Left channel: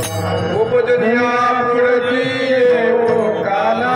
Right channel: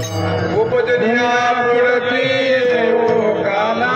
उपजनिया मूर्ति वो काला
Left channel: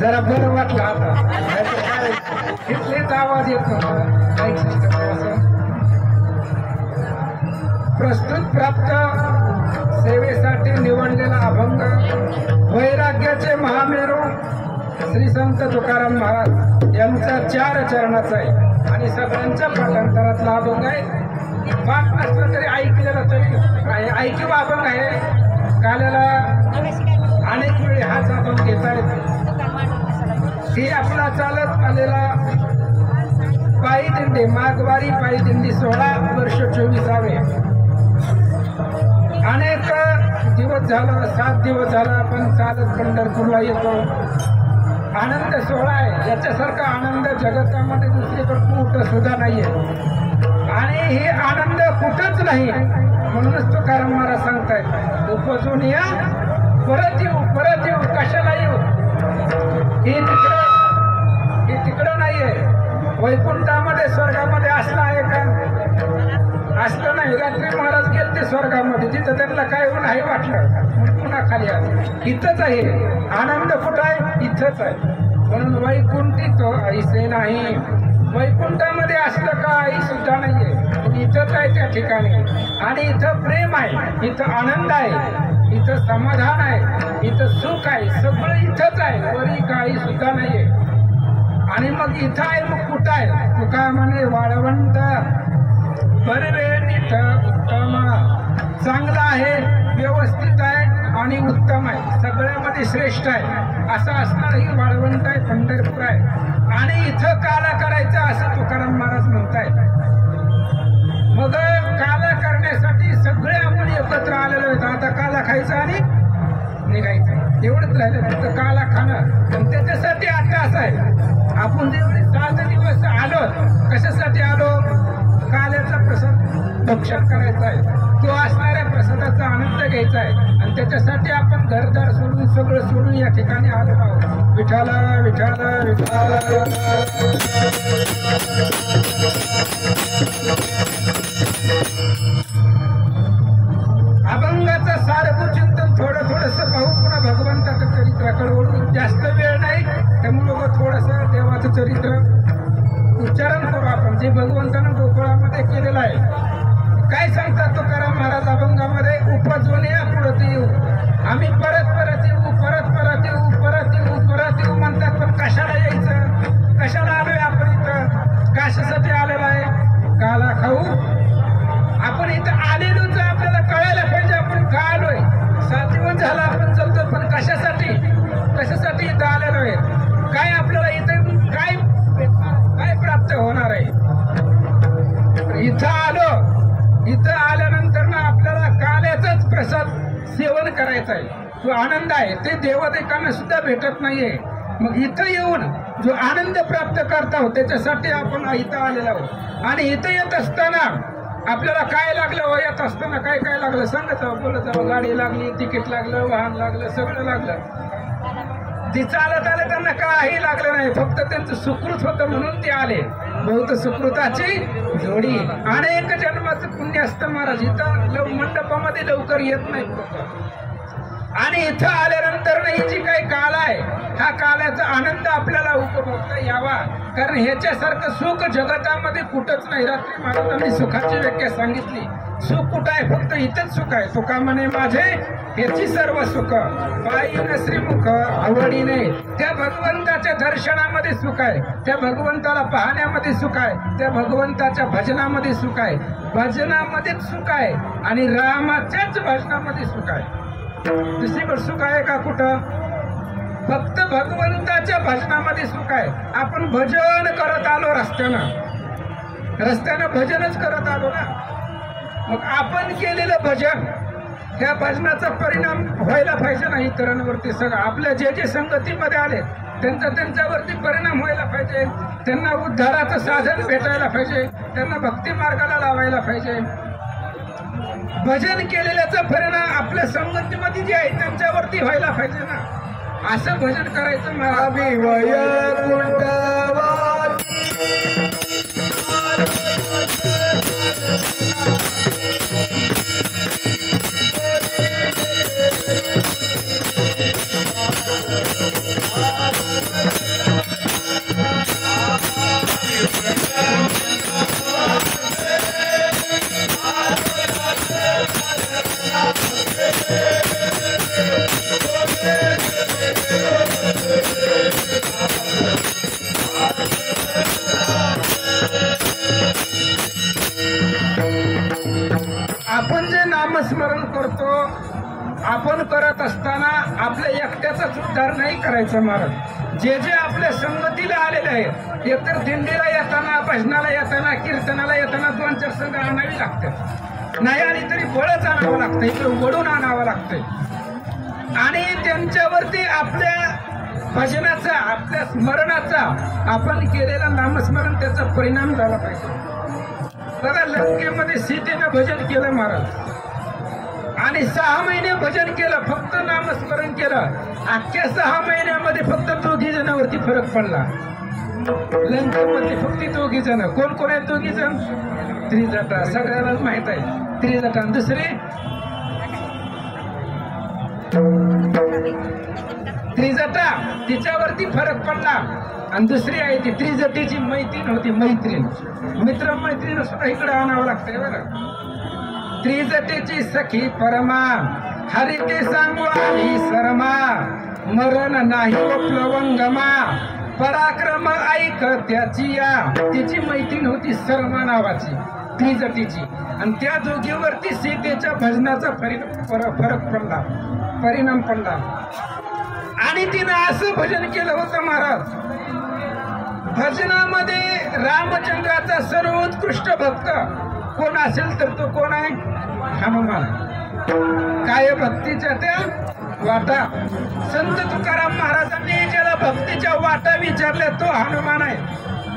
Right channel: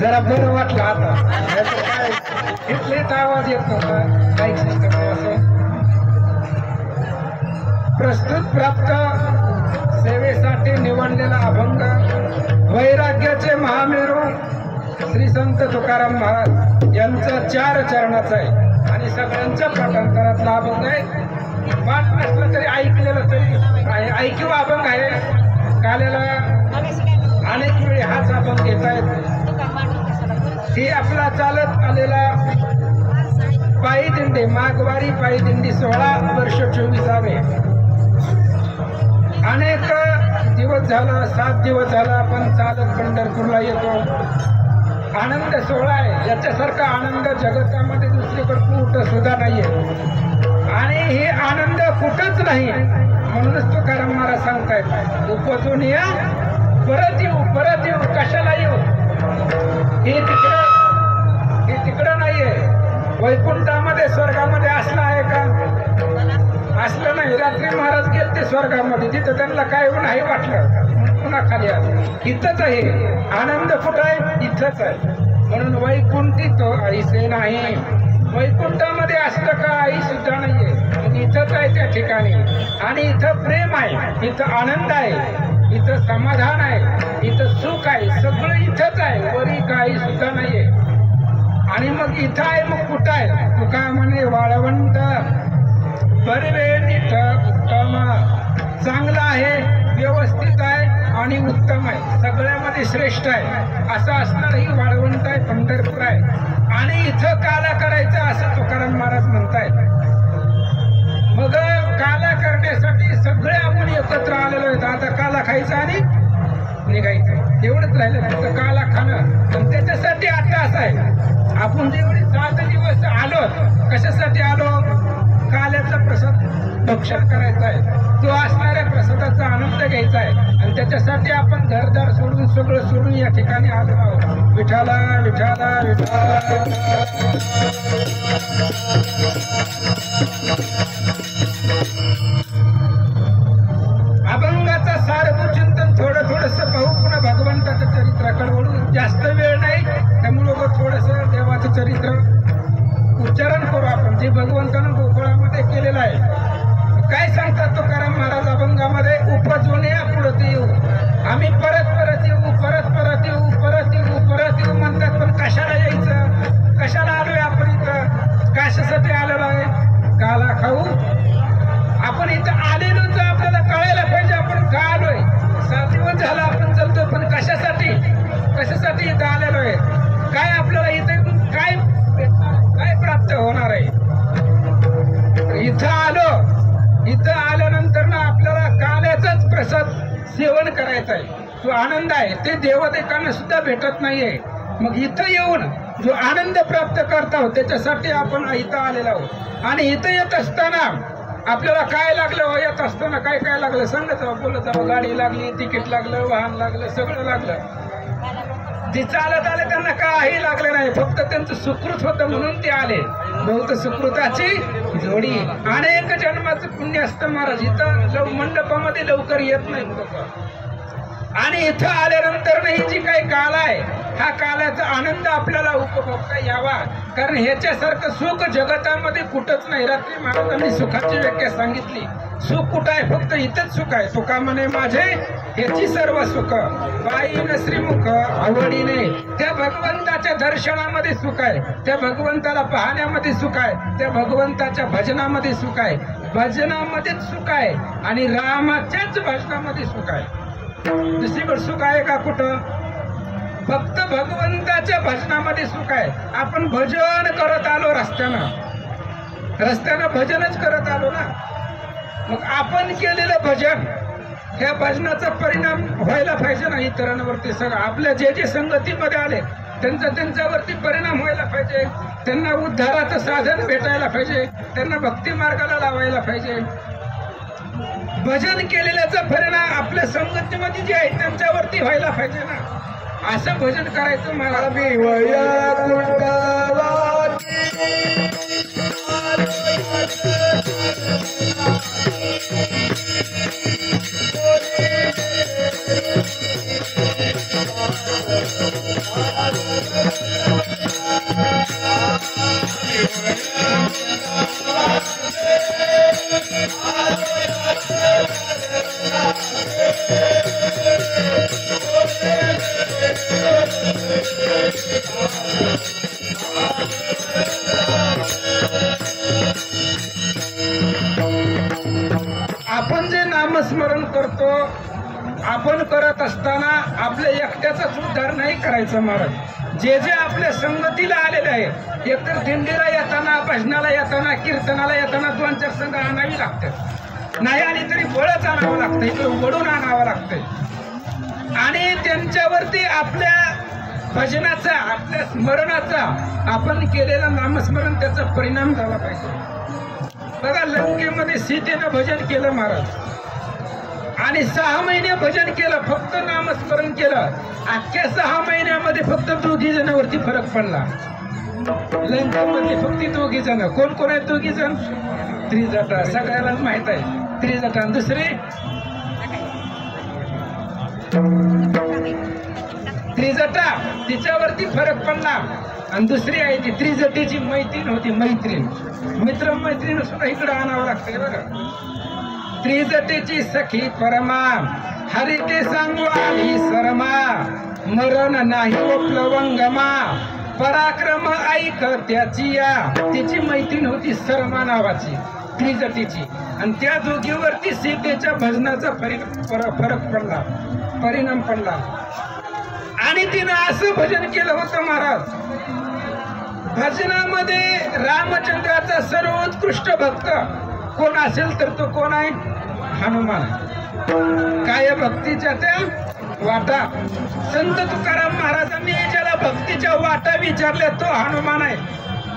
जरा बरं वाटलं आता इथलेच आवाज येत नव्हता माईक सिस्टम असं प्रस्तुत प्राप्त सेवेसाठी निवडलेला अभंग वैराग्याचे महामेरू श्री संत तुकाराम महाराज यांचा 4 चरणाचा आहे आणि सगळ्यांच्या पाठांतरातला अभंग आहे. पाठ नसलं तरी ऐकलेलं तरी ऐकीव अभंग आहे. काल्याला अनेक वेळी हाच अभंग घेता येतो. ही आपला चालत आलेला पायी दिंडी माघवारी पायी दिंडी 16 वर्ष 24 अनेक दिवस झाला 7 दिवस झाला आपण चालत पंढरपूरला येतो. आनंद सोहळा आहे. याच्यासारखा आनंद जगतामध्ये दुसरीकडे कुठं सुद्धा नाहीये आणि हे आनंद कुठंच नाही. म्हणूनच तुकाराम महाराज सांगतायत उपजून या परत येऊ कशाला येऊ. हे तिकडं नाहीये. वैकुंठामध्ये स्वर्गामध्ये असला आहे का? असलं नाही. रात्री महाराज गेले ते स्वर्गामध्ये तिथं त्यांना काय नाही वाटलं पुन्हा खाली आले. इथंच आहे आनंद. कुठं आहे? इथंच आहे. म्हणून वैकुंठी तो ऐसे नाही. वैकुंठामध्ये असलं का आई सुद्धा नाहीये. इथंच आहे त्या ठिकाणी. आणि इथं प्रेम आहे, इथं आनंद आहे, इथं समाधान आहे, इथं सुख आहे. सगळं इथंच आहे. वरी काही सुद्धा नाहीये. आणि मग इथं आहे मग कुठं आहे? तुका म्हणे वाळवंट बरवे तिथं उत्तम. चांगलं आहे, व्यवस्थित आहे आणि उत्तम आहे. सगळ्यामध्ये श्रेष्ठ आहे. असं असणार ही वाळवंट आहे, पंढरपूर आहे. आणि इथं काला करायचं असं तुकाराम महाराज म्हणताय. मग काला करण्यासाठी सगळे आपण एकत्र आलेले होते. आता काला खायचा आणि निघायचं एवढंच राहिलं. फक्त काला खाणं. आणि त्याच्यासाठी आता असं आहे आपण जेवढे 7 दिवस आलो कशासाठी आलो? काल्याचा प्रसाद भक्षण करायचा आहे. तो असणाऱ्या प्रसादाचा आनंद घ्यायचा आहे. आणि त्याच्यासाठी आपण घरदार सोडून सगळं सोडून या ठिकाणी आलो आहोत. विठाला विठाला विठाला. अभंगाचं सारभूत चिंतन थोडस पाहू. पुन्हा भगवंताचं चरित्राकडे वळू. जास्त वेळ नाही त्यामुळे थोडस देवाचं चरित्र उच्चारण करू आपण जे भगवंतानं गोकुळामध्ये केलेलं आहे. काय सांगतात तुकाराम महाराज अभंगामध्ये? उपजून या पुढे येऊ. आम्ही परत येऊ, परत येऊ, परत येऊ म्हणतात. पण कशाला यायचं? कशाला आलोय आपण इथं? कशासाठी आलेलो आहे? काला खाऊ. आपण इथं आलेलो तर आपल्याला कळायला पाहिजे आपण का आलोय. 7 दिवस झाला आपण चलतो पण कशासाठी इथं आलेलो आहे? काय आपल्याला इथं काय भेटणार, काय प्राप्त होणार आहे? इथं आल्यानंतर ना आपल्याला काल्याचाच प्रसाद सेवन करायचा आहे. जो आनंद आहे ते देवदेकांना सुद्धा भेटत नाहीये. मग इथं येऊन जो आनंद प्राप्त करता आहोत त्याच्यासाठी आपण इथं आलेलो आहोत. आणि इथं येत असताना आपल्याला काय लागलं? येत असताना काय काय लागलं सांगत जावं, बोलत जावं. गाडी लागली, तिकीट लागलं, वाहन लागलं, सगळं लागलं. ती चालत आले, त्यांना काही लागलं नाही, फक्त त्यांचं सुकृत होतं म्हणून ते आले. बहुत सुकृताची जोडी. अनेक जन्माचं पुण्य असतं महाराज. इथं मंडपामध्ये लवकर येत नाहीत लोक, आणि इथं आल्यानंतर ही जी काही काल आहे, हा कालाचा आनंद आपल्याला उपभोगता यावा. कारण ह्याच्यासारखं सुख जगतामध्ये कुठंच नाही. रात्री महाराजांनी सुखाची व्याख्या सांगितली. सुख कुठं आहे? फक्त इथंच सुख आहे. तुका म्हणे माझे ह्याची सर्व सुख, पायीन श्रीमुख आवडीने. त्या भगवंताच्या दर्शनामध्ये सुख आहे, त्या भगवंताला पाहण्यामध्ये सुख आहे, त्या भगवंताच्या भजनामध्ये सुख आहे. भजनामध्येच सुख आहे आणि रामाच्याच भजनामध्ये सुख आहे. दुसरीकडे सुख आहे का कुठं? फक्त भगवंताच्या भजनामध्ये सुख आहे. आपण भजन करत आलो रस्त्यानं भजनच करत आलो ना. मग आपण केलेलं भजन, ह्या भजनाचा परिणाम व्हायला पाहिजे ना इतरांवरती. सगळं आपल्या जे जे संगतीमध्ये आले त्यांच्यावरती परिणाम व्हायला पाहिजे. त्यांना उद्धाराचं साधन भेटायला पाहिजे, त्यांना भक्ती मार्गाला लावायला पाहिजे. भजन केलेल्याचा परिणाम आपल्या संगतीमध्ये जे आहे त्यांच्यावरती व्हायला पाहिजे ना. असं भजन करायचं मला. आपण जे नामस्मरण करतो, आपण करत असताना आपल्या एकट्याचाच उद्धार नाही करायचा महाराज. जे जे आपल्या संगतीला आलेले आहे, एकतर दिंडीला येताना, भजनाला येताना, कीर्तनाला येताना 2-4 संघ आणावी लागतात. नाही आली तरी बळच आणावं लागतं, इकडे वडून आणावं लागतंय. आणि त्यांच्यावरती आपल्या भजनाचा, आपल्या स्मरणाचा, आपण केलेलं नामस्मरण त्याचा परिणाम झाला पाहिजे. बघा, लंकेमध्ये सीतेनं भजन केलं महाराज, आणि 6 महिने भजन केलं, फक्त नामस्मरण केलं. अख्ख्या 6 महिन्यामध्ये फक्त 2 जणांवरती फरक पडला. लंकेमध्ये फक्त 2 जण. कोण कोण आहेत 2 जण? त्रिजटा, सगळ्यालाच माहित आहे. त्रिजटा. दुसरी त्रिजटा, तिच्यावरती फरक पडला. आणि दुसरी आहे ती त्रिजटीची मैत्रीण होती, मैत्रीण. मित्र मैत्रीण सुद्धा इकडे आणावं लागतंय बघा. त्रिजटीची सखी परमा, हरी ते सांगू आली शर्मा, मरण नाही प्लवंगमा, पराक्रम ऐक त्याची या. तिची मैत्रीण होती शर्मा नावाची, त्रिजटीची. आणि त्या दोघीवरती सीतेच्या भजनाचा फरक पडला, परिणाम पडला. आणि तिनं असं भजन केलं होतं महाराज. भजनामध्ये रामचंद्राचा सर्वोत्कृष्ट भक्त कोण असेल तर तो कोण आहे? हनुमान. काय भक्तीच्या त्या वाटा. संत तुकाराम महाराजांनी ज्याला भक्तीच्या वाटा विचारल्या तो हनुमान आहे.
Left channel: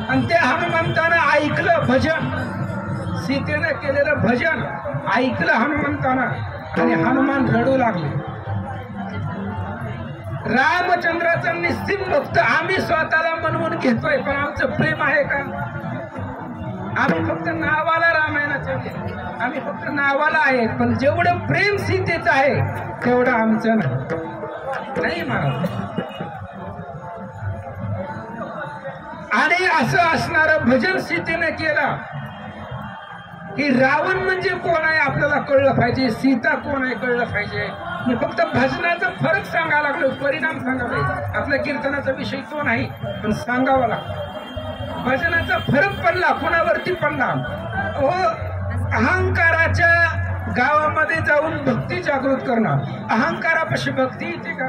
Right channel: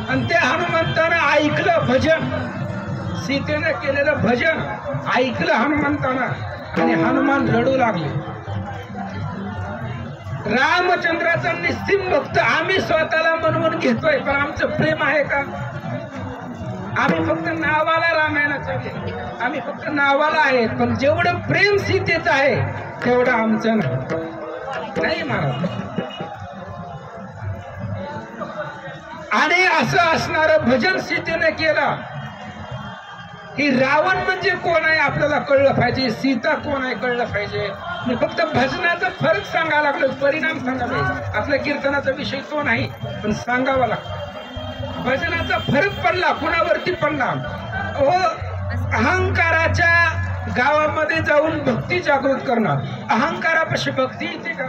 आणि त्या हनुमंतानं ऐकलं भजन, सीतेनं केलेलं भजन ऐकलं हनुमंतानं, आणि हनुमान रडू लागले. रामचंद्राचा निस्सीम भक्त आम्ही स्वतःला बनवून घेतोय, पण आमचं प्रेम आहे का? आम्ही फक्त नावाला रामायणाचे, आम्ही फक्त नावाला आहे, पण जेवढं प्रेम सीतेचं आहे तेवढं आमचं नाही महाराज. आणि असं असणारं भजन सीतेने केलं. की रावण म्हणजे कोण आहे आपल्याला कळलं पाहिजे, सीता कोण आहे कळलं पाहिजे. मी फक्त भजनाचा फरक सांगायला लागलो, परिणाम सांगायला. आपल्या कीर्तनाचा विषय तो नाही, पण सांगावा लागतो. भजनाचा फरक पडला, कुणावरती पडला? अहंकाराच्या गावामध्ये जाऊन भक्ती जागृत करणं. अहंकारापाशी भक्ती येते का?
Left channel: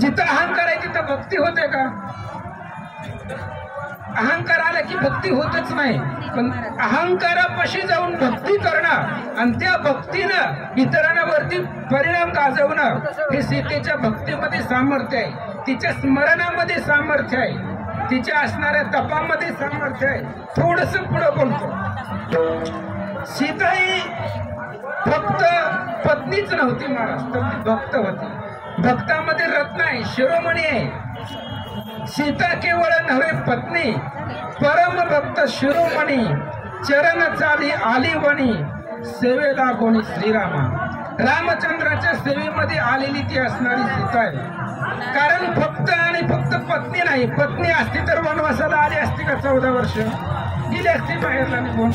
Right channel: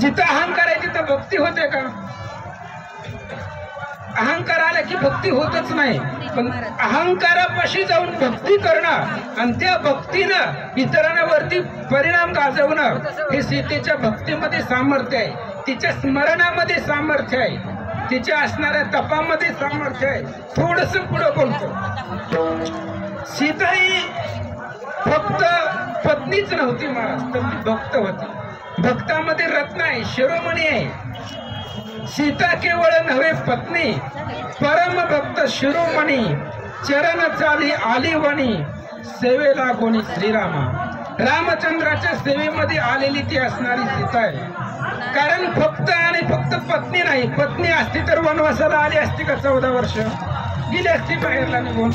जिथं अहंकार आहे तिथं भक्ती होते का? अहंकार आला की भक्ती होतच नाही. पण अहंकारापाशी जाऊन भक्ती करणं आणि त्या भक्तीनं इतरांवरती परिणाम गाजवणं, हे सीतेच्या भक्तीमध्ये सामर्थ्य आहे, तिच्या स्मरणामध्ये सामर्थ्य आहे, तिच्या असणाऱ्या तपामध्ये सामर्थ्य आहे. थोडस पुढं बोलतो. सीता ही फक्त पत्नीच नव्हती महाराज, तर ती भक्त होती. भक्तामध्ये रत्न आहे, शिरोमणी आहे. सीता केवळ नव्हे पत्नी, परम भक्त शिरोमणी, चरण चाली आली वणी, सेवेला कोणी श्रीरामा. रामचंद्राच्या सेवेमध्ये आलेली ती असणारी सीता आहे. कारण फक्त आणि फक्त पत्नी नाही, पत्नी असती तर वनवासाला आली असती का 14 वर्ष गेली असती बाहेरला निघून.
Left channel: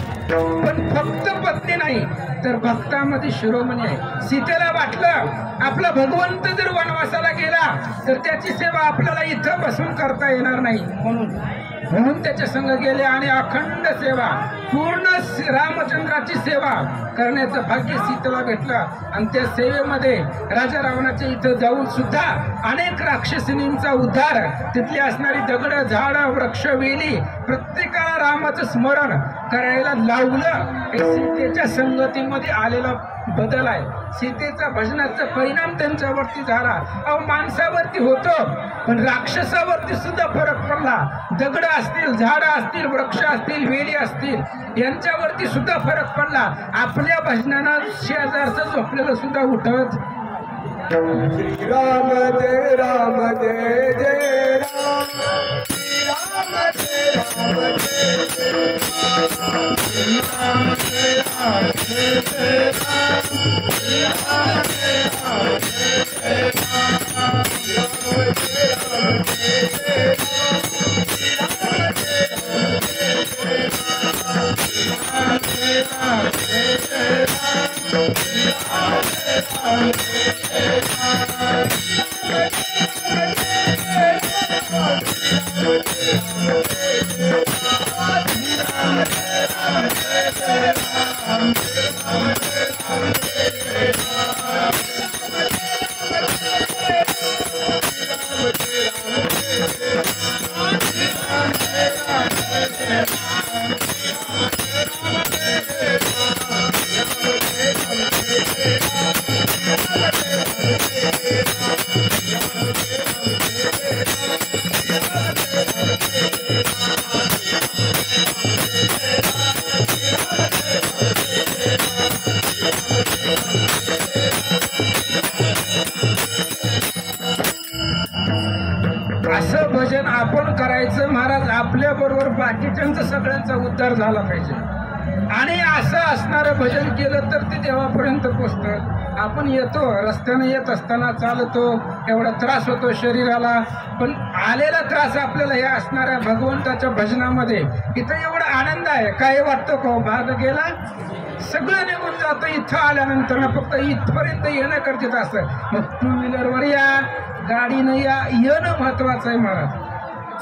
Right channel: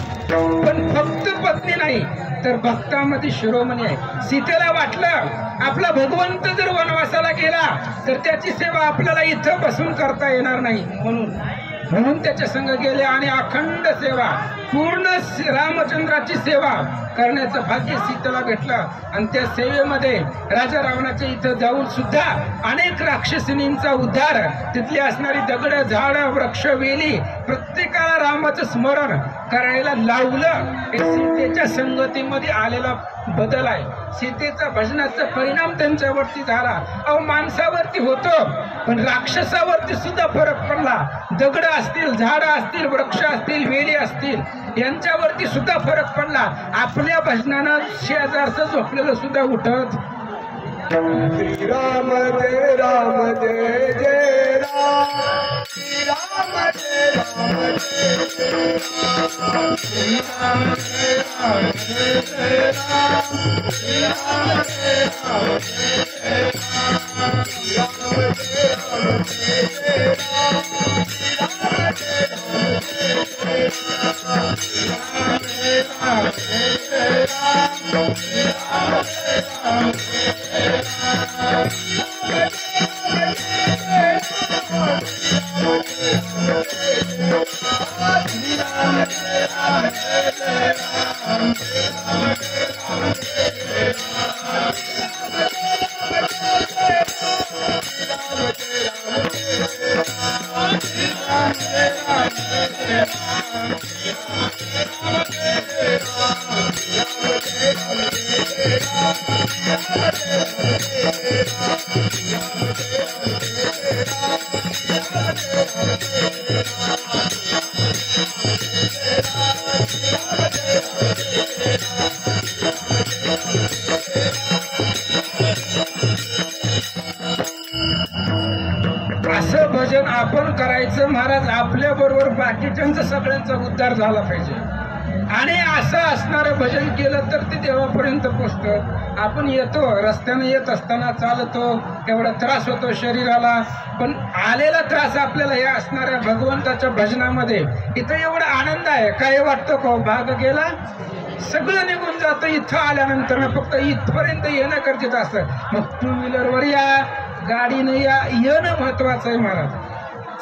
पण फक्त पत्नी नाही तर भक्तामध्ये शिरोमणी आहे. सीतेला वाटलं आपला भगवंत जर वनवासाला गेला तर त्याची सेवा आपल्याला इथं बसून करता येणार नाही, म्हणून त्याच्या संग गेले आणि अखंड सेवा, पूर्ण रामचंद्राची सेवा करण्याचं भाग्य सीतेला भेटलं. आणि त्या सेवेमध्ये राजा रावणाच्या इथं जाऊन सुद्धा अनेक राक्षसिनींचा उद्धार, तिथली असणारी दगड झाडं वृक्ष वेली प्रत्येकाला रामाचं स्मरण करायला लावलं. हे सीतेच्या संगतीमध्ये आलेला बदल आहे. सीतेचा भजनाचा परिणाम त्यांच्यावरती झाला. अहो माणसावरती होतो पण राक्षसावरती सुद्धा फरक पडला. दगड असतील, झाडं असतील, वृक्ष असतील, वेली असतील यांच्यावरती सुद्धा फरक पडला. आपल्या भजनानं शेजारचं झोपलेलं सुद्धा उठत. राम जय राम जय जय राम, राम जय राम जय राम, राम जय राम जय राम, राम जय राम जय राम, राम जय राम जय जय राम, राम जय राम जय जय राम, राम जय राम जय जय राम, राम जय राम जय जय असं भजन आपण करायचं महाराज. आपल्या बरोबर बाकीच्यांचा सगळ्यांचा उद्धार झाला पाहिजे. आणि असं असणारं भजन केलं तर ते देवापर्यंत पोचतं. आपण येतो रस्त्याने येत असताना चालतो, एवढा त्रास होतो शरीराला, पण आलेला त्रास आपल्याला हे असणाऱ्या भगवंताच्या भजनामध्ये इथं एवढा आनंद आहे. काय वाटतं का भाग गेला सगळं निघून जातं. इथं आल्यानंतर ना फक्त इथपर्यंत येणं गरजेचं असतं. मग टू व्हीलरवर या, गाडीनं या, येणं महत्वाचं आहे महाराज.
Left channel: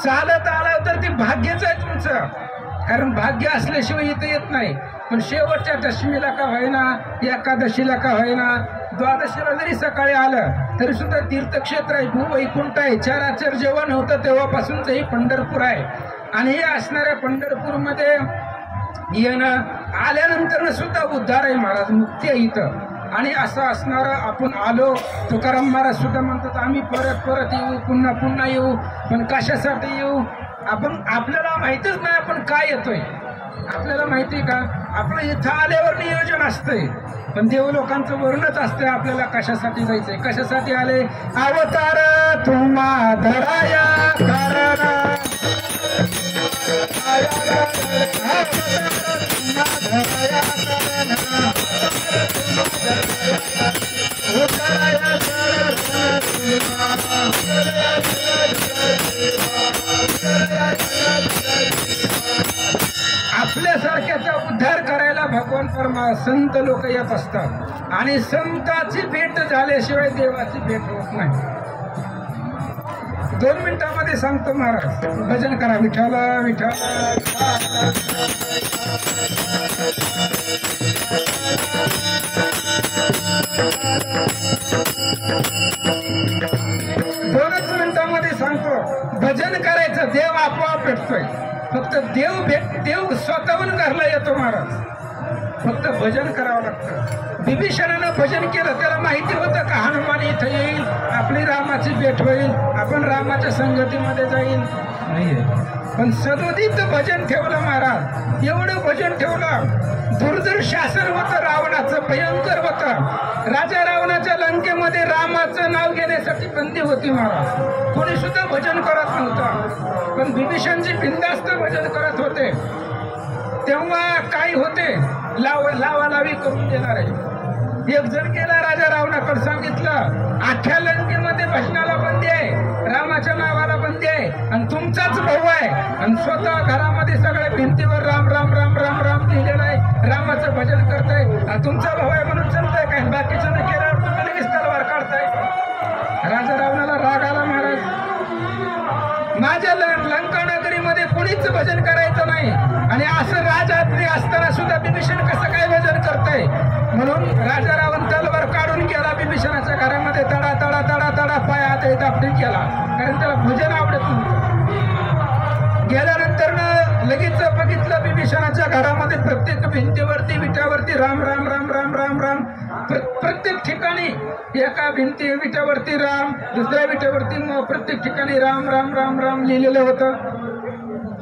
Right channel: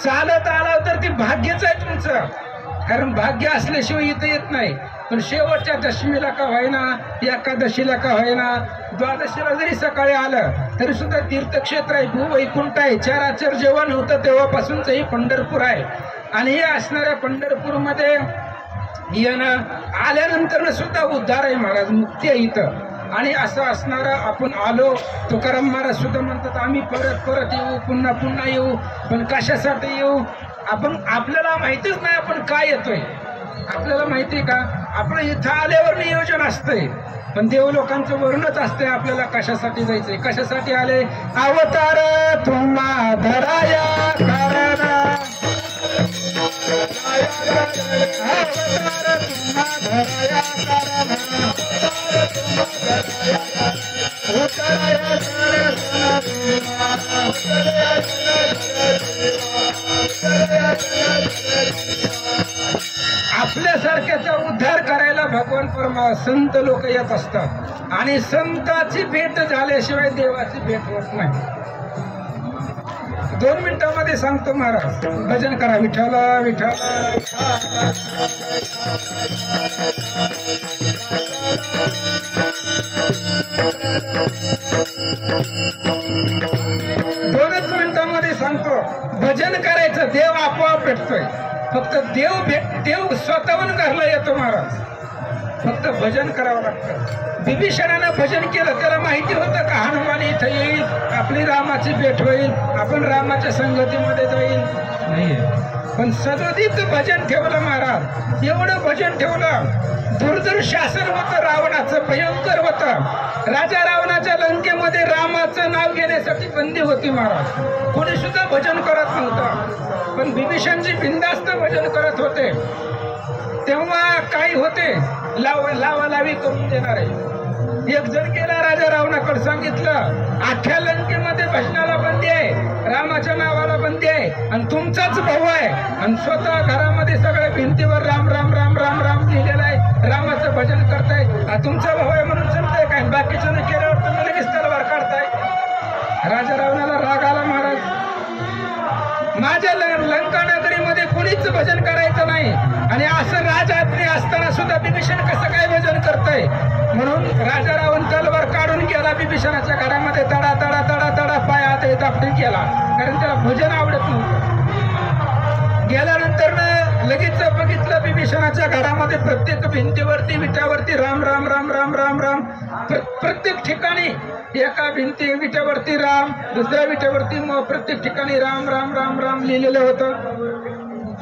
चालत आलं तर ते भाग्यच आहे तुमचं, कारण भाग्य असल्याशिवाय इथं येत नाही. पण शेवटच्या दशमीला का व्हायना, एकादशीला का व्हायना, द्वादशीला जरी सकाळी आलं तरी सुद्धा तीर्थक्षेत्र आहे, भूवैकुंठ आहे. चराचर जेव्हा नव्हतं तेव्हापासूनच ही पंढरपूर आहे. आणि हे असणाऱ्या पंढरपूरमध्ये येणं आल्यानंतर सुद्धा उद्धार आहे महाराज, मुक्ती आहे इथं. आणि असं असणारं आपण आलो. तुकाराम महाराज सुद्धा म्हणतात आम्ही परत परत येऊ, पुन्हा पुन्हा येऊ. पण कशासाठी येऊ आपण, आपल्याला माहितीच नाही आपण काय येतोय. आपल्याला माहिती का आपलं इथं आल्यावर नियोजन असतंय, पण देव लोकांचं वर्णच असतंय आपल्याला कशासाठी जायचंय, कशासाठी आले. अवतार तुम्हा धराया कारणा, आपल्यासारख्याचा उद्धार करायला भगवान परमा संत लोक येत असतात. आणि संताची भेट झाल्याशिवाय देवाची भेट होत नाही. 2 मिनिटांमध्ये सांगतो महाराज. भजन करा विठ्ठला विठ्ठला. दोनच मिनिटांमध्ये सांगतो. भजन करायचं, देव आपोआप भेटतोय. फक्त देव स्वतःहून घरला येतो महाराज. फक्त भजन करावं लागतं. विभीषणानं भजन केलं, त्याला माहिती होतं का हनुमान इथं येईल, आपली रामाची भेट होईल, आपण रामाच्या संगतीमध्ये जाईल. नाहीये. पण सदोदित भजन ठेवलं महाराज, एवढं भजन ठेवलं. दुर्धर शासन होतं रावणाचं, भयंकर होतं. राजा रावणाच्या लंकेमध्ये रामाचं नाव घेण्यासाठी बंदी होती महाराज. कोणी सुद्धा भजन करत नव्हतं. पण विभीषणजी बिनधास्त भजन करत होते. तेव्हा काही होते लावालावी करून देणारे. एक जण गेला राजा रावणाकडे, सांगितलं अख्ख्या लंकेमध्ये भजनाला बंदी आहे, रामाच्या नावाला बंदी आहे, आणि तुमचाच भाऊ आहे, आणि स्वतः घरामध्ये सगळ्या भिंतीवर राम राम राम राम राम लिहिलेलं आहे, रामाचं भजन करताय. तुमचा भाऊ आहे म्हणून चालतंय काय, बाकीच्या केल्यावर तुम्ही लगेच तलवार काढताय. राजा रावणाला राग आला महाराज. माझ्या लंका नगरीमध्ये कोणीच भजन करायचं नाही, आणि असं राजआज्ञा असताना सुद्धा विभीषण कसं काय भजन करताय. म्हणून राजा रावण तलवार काढून गेला विभीषणाच्या घरामध्ये, तडा तडा तडा तडा पाय हात दाबून केला, कारण त्याला भजन आवडत नव्हतं. गेल्यानंतर लगेच बघितलं विभीषणाच्या घरामध्ये प्रत्येक भिंतीवरती विटावरती राम राम राम राम राम राम, प्रत्येक ठिकाणी एका भिंती विटावरती राम, दुसऱ्या विटावरती प्रत्येक ठिकाणी राम राम राम राम लिहिलेलं होतं.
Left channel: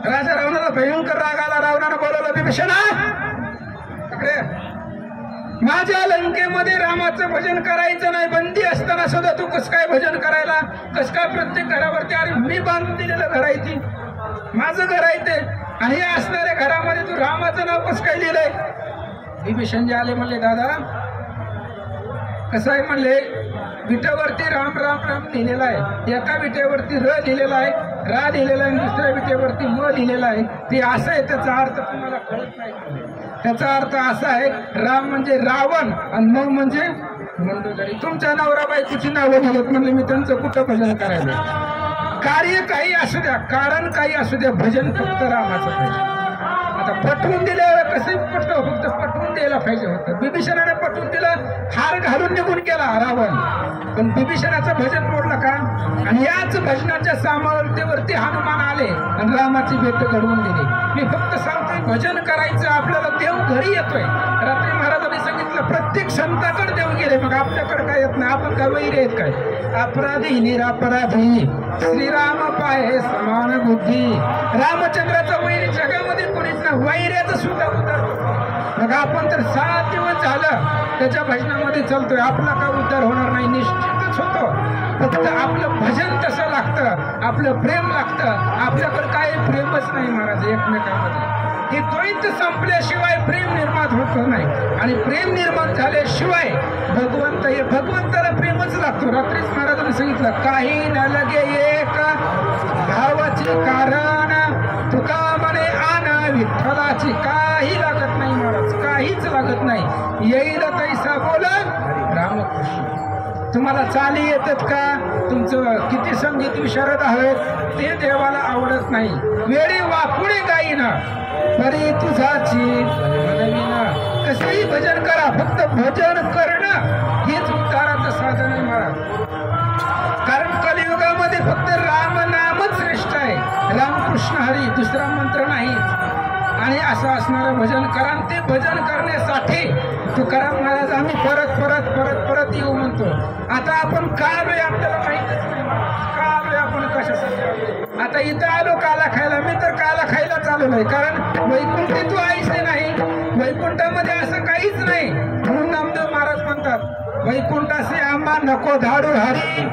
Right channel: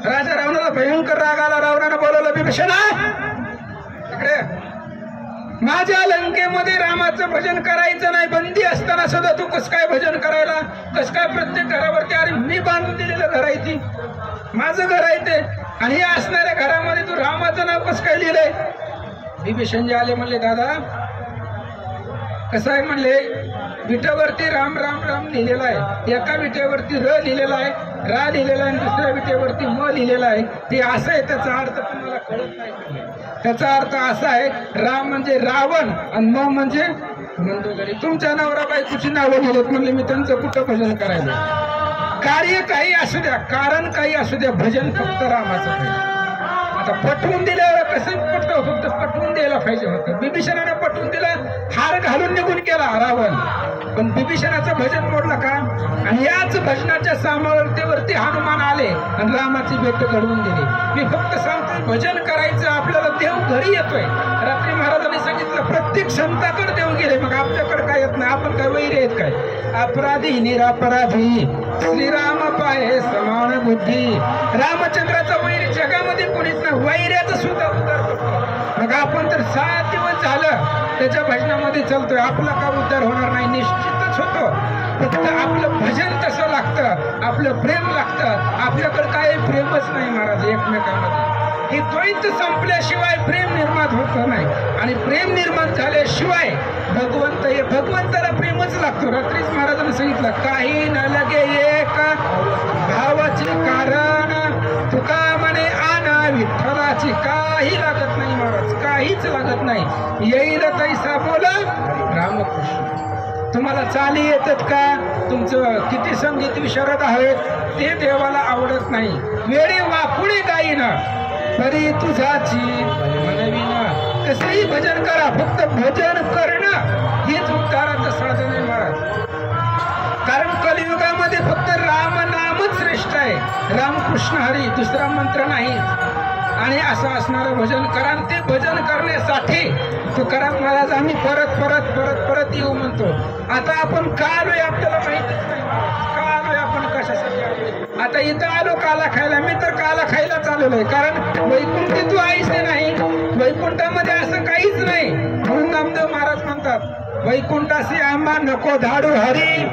राजा रावणाला भयंकर राग आला. रावणानं बोलवलं, विभीषणा इकडे, माझ्या लंकेमध्ये रामाचं भजन करायचं नाही, बंदी असताना सुद्धा तू कस काय भजन करायला, कस काय प्रत्येक घरावरती, अरे मी बांधून दिलेलं घर आहे, ती माझं घर आहे ते, आणि हे असणाऱ्या घरामध्ये तू रामाचं नाव कस काय लिहिलंय. विभीषणजी आले, म्हणले दादा कसं आहे, म्हणले विटेवरती राम राम राम लिहिलेला आहे, एका विटेवरती र लिहिलेला आहे, रा लिहिलेला आहे, दुसऱ्या विटेवरती म लिहिलेला आहे. ते असं आहे, त्याचा अर्थ तुम्हाला कळत नाही. त्याचा अर्थ असा आहे, राम म्हणजे रावण आणि म म्हणजे मंदोदरी. तुमच्या नवरा बायकोची नावं लिहिलेत, म्हणले मी त्यांचं कुठं भजन करायला. कार्य काही असू द्या, कारण काही असू द्या, भजन फक्त रामाचं पाहिजे. आता पटवून दिल्यावर कसं पटतो, फक्त पटवून द्यायला पाहिजे होतं. विभीषणाने पटवून दिलं, हार घालून निघून गेला रावण, पण विभीषणाचं भजन मोडलं का. आणि याच भजनाच्या सामर्थ्यावरती हनुमान आले आणि रामाची भेट घडवून दिली. मी फक्त सांगतोय, भजन करायचं, आपल्याला देव घरी येतोय. रात्री महाराजांनी सांगितलं प्रत्येक संताकडे देव गेले, मग आपल्याकडे काय येत नाही, आपण काय वैरी आहेत काय. अपराधी निरापराधी श्रीराम पाहे समान बुद्धी. रामचंद्राचा वैरी जगामध्ये कोणीच नाही, वैर्याचा सुद्धा उद्धार होतो. मग आपण तर 7 दिवस झालं त्याच्या भजनामध्ये चालतोय, आपला का उद्धार होणार नाही, निश्चितच होतो. फक्त आपलं भजन तसं लागतं, आपलं प्रेम लागतं. आपल्याकडे काय प्रेमच नाही महाराज एकमेकांमध्ये. हे द्वैत संपल्याशिवाय प्रेम निर्माण होत नाही, आणि प्रेम निर्माण झाल्याशिवाय भगवंताला प्रेमच लागतो. रात्रीच महाराजांनी सांगितलं, काही न लगे एक भावाचे कारण, तुका म्हणे आना विठ्ठलाची. काही लागत नाही महाराज, काहीच लागत नाही. येईल तैसा बोला रामकृष्ण. तुम्हाला चाली येतात का, तुमचं किती संगीत विशारद आहेत, ते देवाला आवडत नाही. वेळे वाकुळे गाईना बरी तुझाची म्हणविना. कसंही भजन करा, फक्त भजन करणं हेच उद्धाराचं साधन आहे महाराज. कारण कलियुगामध्ये फक्त राम नामच श्रेष्ठ आहे, रामकृष्ण हरी, दुसरा मंत्र नाहीच. आणि असं असणारं भजन करा. ते भजन करण्यासाठी तुकाराम महाराज आम्ही परत परत परत परत येऊ म्हणतो. आता आपण का आलोय आपल्याला माहितीच नाही, का आलोय आपण कशासाठी आलोय. आता इथं आलो काला खायला, मी तर काला खायला चाललोय, कारण वैकुंठी तू आईस नाही, वैकुंठामध्ये असं काहीच नाही. म्हणून नामदेव महाराज म्हणतात, वैकुंठाशी आंबा नको धाडू हरी,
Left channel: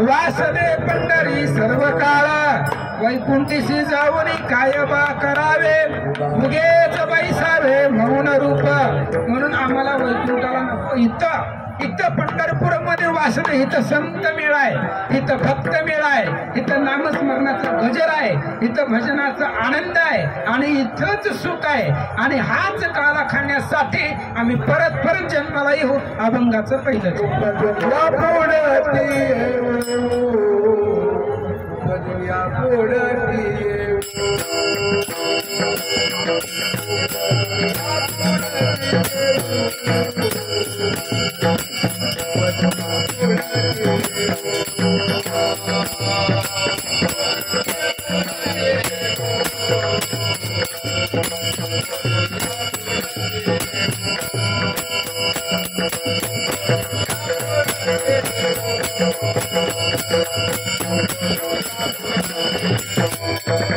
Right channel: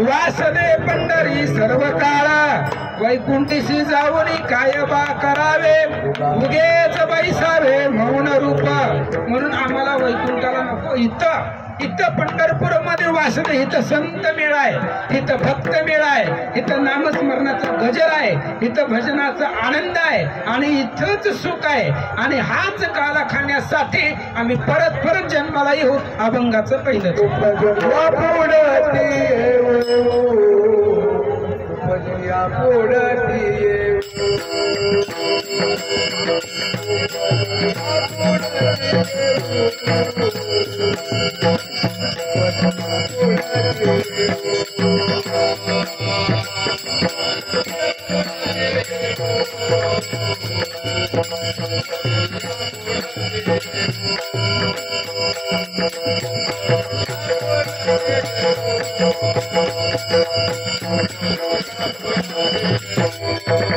वासदे पंढरी सर्व काळा. वैकुंठीशी जाऊन काय बा करावे, उगेच बैसावे मौन रूप. म्हणून आम्हाला वैकुंठाला नको. इथं पंढरपूरमध्ये वासदे, इथं संत मिळाय, इथं भक्त मिळाय, इथं नामस्मरणाचा गजर आहे, इथं भजनाचा आनंद आहे, आणि इथंच सुख आहे. आणि हाच काला खाण्यासाठी आम्ही परत परत जन्माला येऊ. अभंगाचं पहिलं Thank you.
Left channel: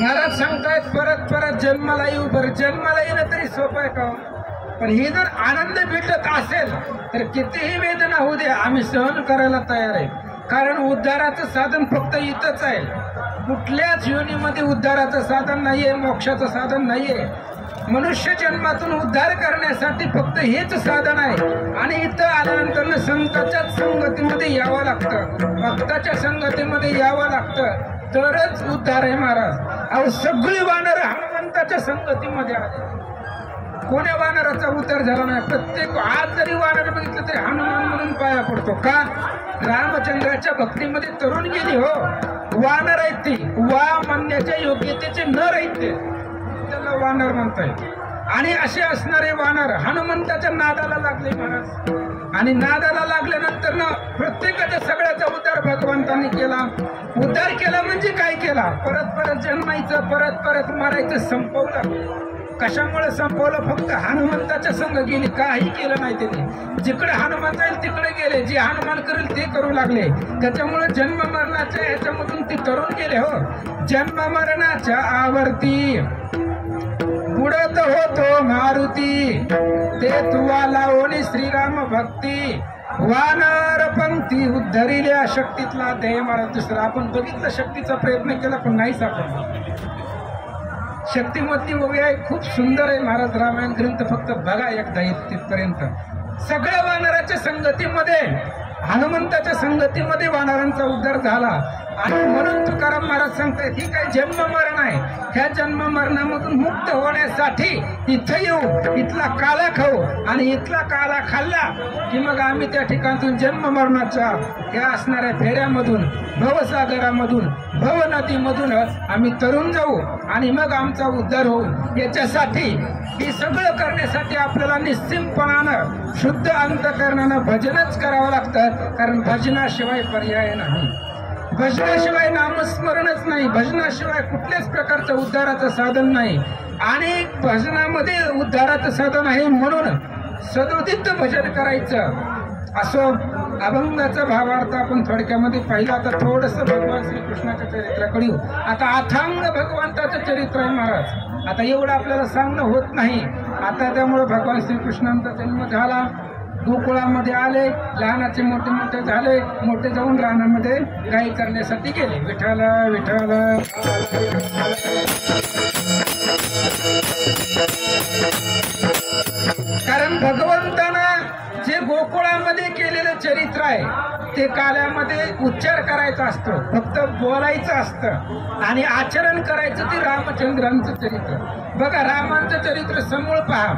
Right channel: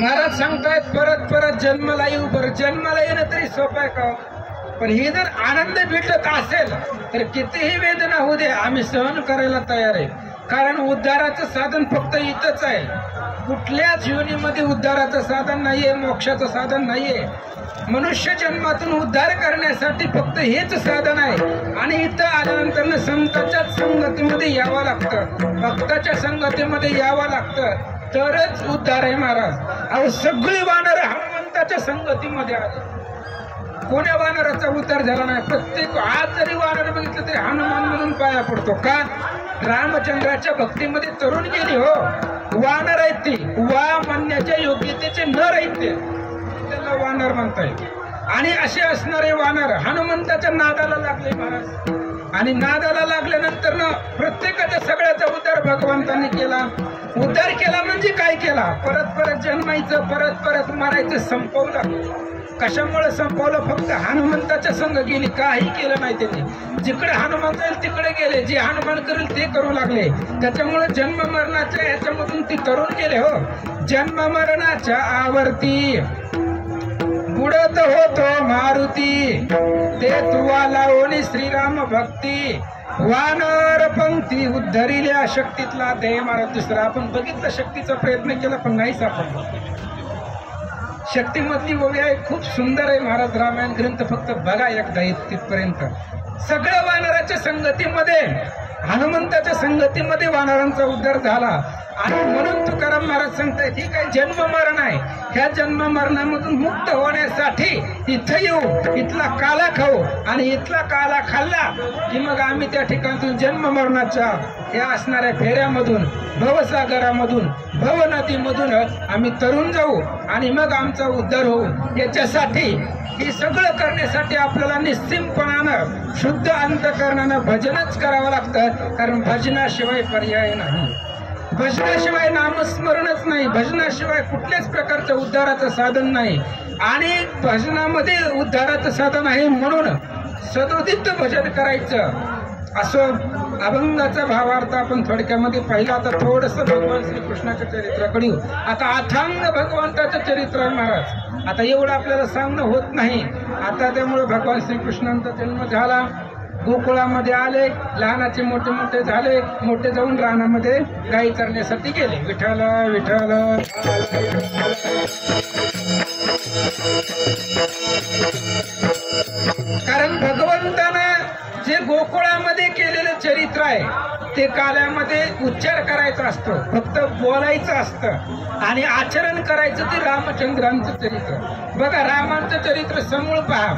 महाराज सांगतायत परत परत जन्माला येऊ. बरं जन्माला येणं तरी सोपं आहे का? पण ही जर आनंद भेटत असेल तर कितीही वेदना होऊ दे आम्ही सहन करायला तयार आहे. कारण उद्धाराचं साधन फक्त इथंच आहे. कुठल्याच योनीमध्ये उद्धाराचं साधन नाहीये, मोक्षाचं साधन नाहीये. मनुष्य जन्मातून उद्धार करण्यासाठी फक्त हेच साधन आहे. आणि इथं आल्यानंतर संतांच्या संगतीमध्ये यावं लागतं, भक्ताच्या संगतीमध्ये यावं लागतं, तरच उद्धार आहे महाराज. अहो सगळी वानर हनुमंताच्या संगतीमध्ये आले. कोण्या वानराचा उद्धार झाला नाही? प्रत्येक आज जरी वानर बघितलं तरी हनुमान म्हणून पाया पडतो. का? रामचंद्राच्या भक्तीमध्ये तरुण गेली. हो वानर आहेत ती, वा म्हणण्याच्या योग्यतेचे नर आहेत ते, त्याला वानर म्हणताय. आणि असे असणारे वानर हनुमंताच्या नादाला लागले महाराज. आणि नादाला लागल्यानंतर ना प्रत्येकाच्या सगळ्याचा उद्धार भगवंतांनी केला. उद्धार केला म्हणजे काय केला? परत परत जन्मायचं, परत परत मारायचं संपवलं. कशामुळे संपवलं? फक्त हनुमंताच्या संग गेली, काही केलं नाही त्यांनी. जिकडे हनुमान जाईल तिकडे गेले, जे हनुमान करेल ते करू लागले. त्याच्यामुळे जन्म मरणाच्या ह्याच्यामधून ते तरुण गेले. हो जन्म मरणाच्या आवर्ती बुडत होतो मारुती, ते तुवा लावणी श्रीराम भक्ती, वानर पंक्ती उद्धरिल्या शक्तीतला देह महाराज. दुसरा आपण बघितलं, शक्तीचा प्रयत्न केला पण नाही सापडला. शक्तिमधली ओवी आहे, खूप सुंदर आहे महाराज. रामायण ग्रंथ फक्त बघा एकदा तिथपर्यंत. सगळ्या वानराच्या संगतीमध्ये, हनुमंताच्या संगतीमध्ये वानरांचा उद्धार झाला. आणि म्हणून तुकाराम महाराज सांगतायत ही काय जन्म मरण आहे. ह्या जन्म मरणामधून मुक्त होण्यासाठी इथं येऊ, इथला काला खाऊ, आणि इथला काला खाल्ला की मग आम्ही त्या ठिकाणून जन्म मरणाच्या ह्या असणाऱ्या फेऱ्यामधून, भवसागरामधून, भवनदीमधून आम्ही तरुण जाऊ आणि मग आमचा उद्धार होऊ. याच्यासाठी हे सगळं करण्यासाठी आपल्याला निश्चितपणानं शुद्ध अंतकरणानं भजनच करावं लागतं. कारण भजनाशिवाय पर्याय नाही. भजनाशिवाय नामस्मरणच नाही. भजनाशिवाय कुठल्याच प्रकारचं उद्धाराचं साधन नाही. आणि भजनामध्ये उद्धाराचं साधन आहे म्हणून सदोदित भजन करायचं. असो अभंगाचा भावार्थ आपण थोडक्यामध्ये पाहिला. आता थोडंसं भगवान श्रीकृष्णाच्या चरित्राकडे येऊ. आता अथांग भगवंताचं चरित्र आहे महाराज. आता एवढं आपल्याला सांगणं होत नाही आता. त्यामुळे भगवान श्रीकृष्णांचा जन्म झाला, गोकुळामध्ये आले, लहानाचे मोठे मोठे झाले, मोठे जाऊन रानामध्ये गाई करण्यासाठी गेले. विठ्ठल विठ्ठल. कारण भगवंतानं जे गोकुळामध्ये केलेलं चरित्र आहे ते काल्यामध्ये उच्चार करायचा असतो, फक्त बोलायचं असतं, आणि आचरण करायचं ते रामचंद्रांचं चरित्र. बघा रामांचं चरित्र समूळ पहा.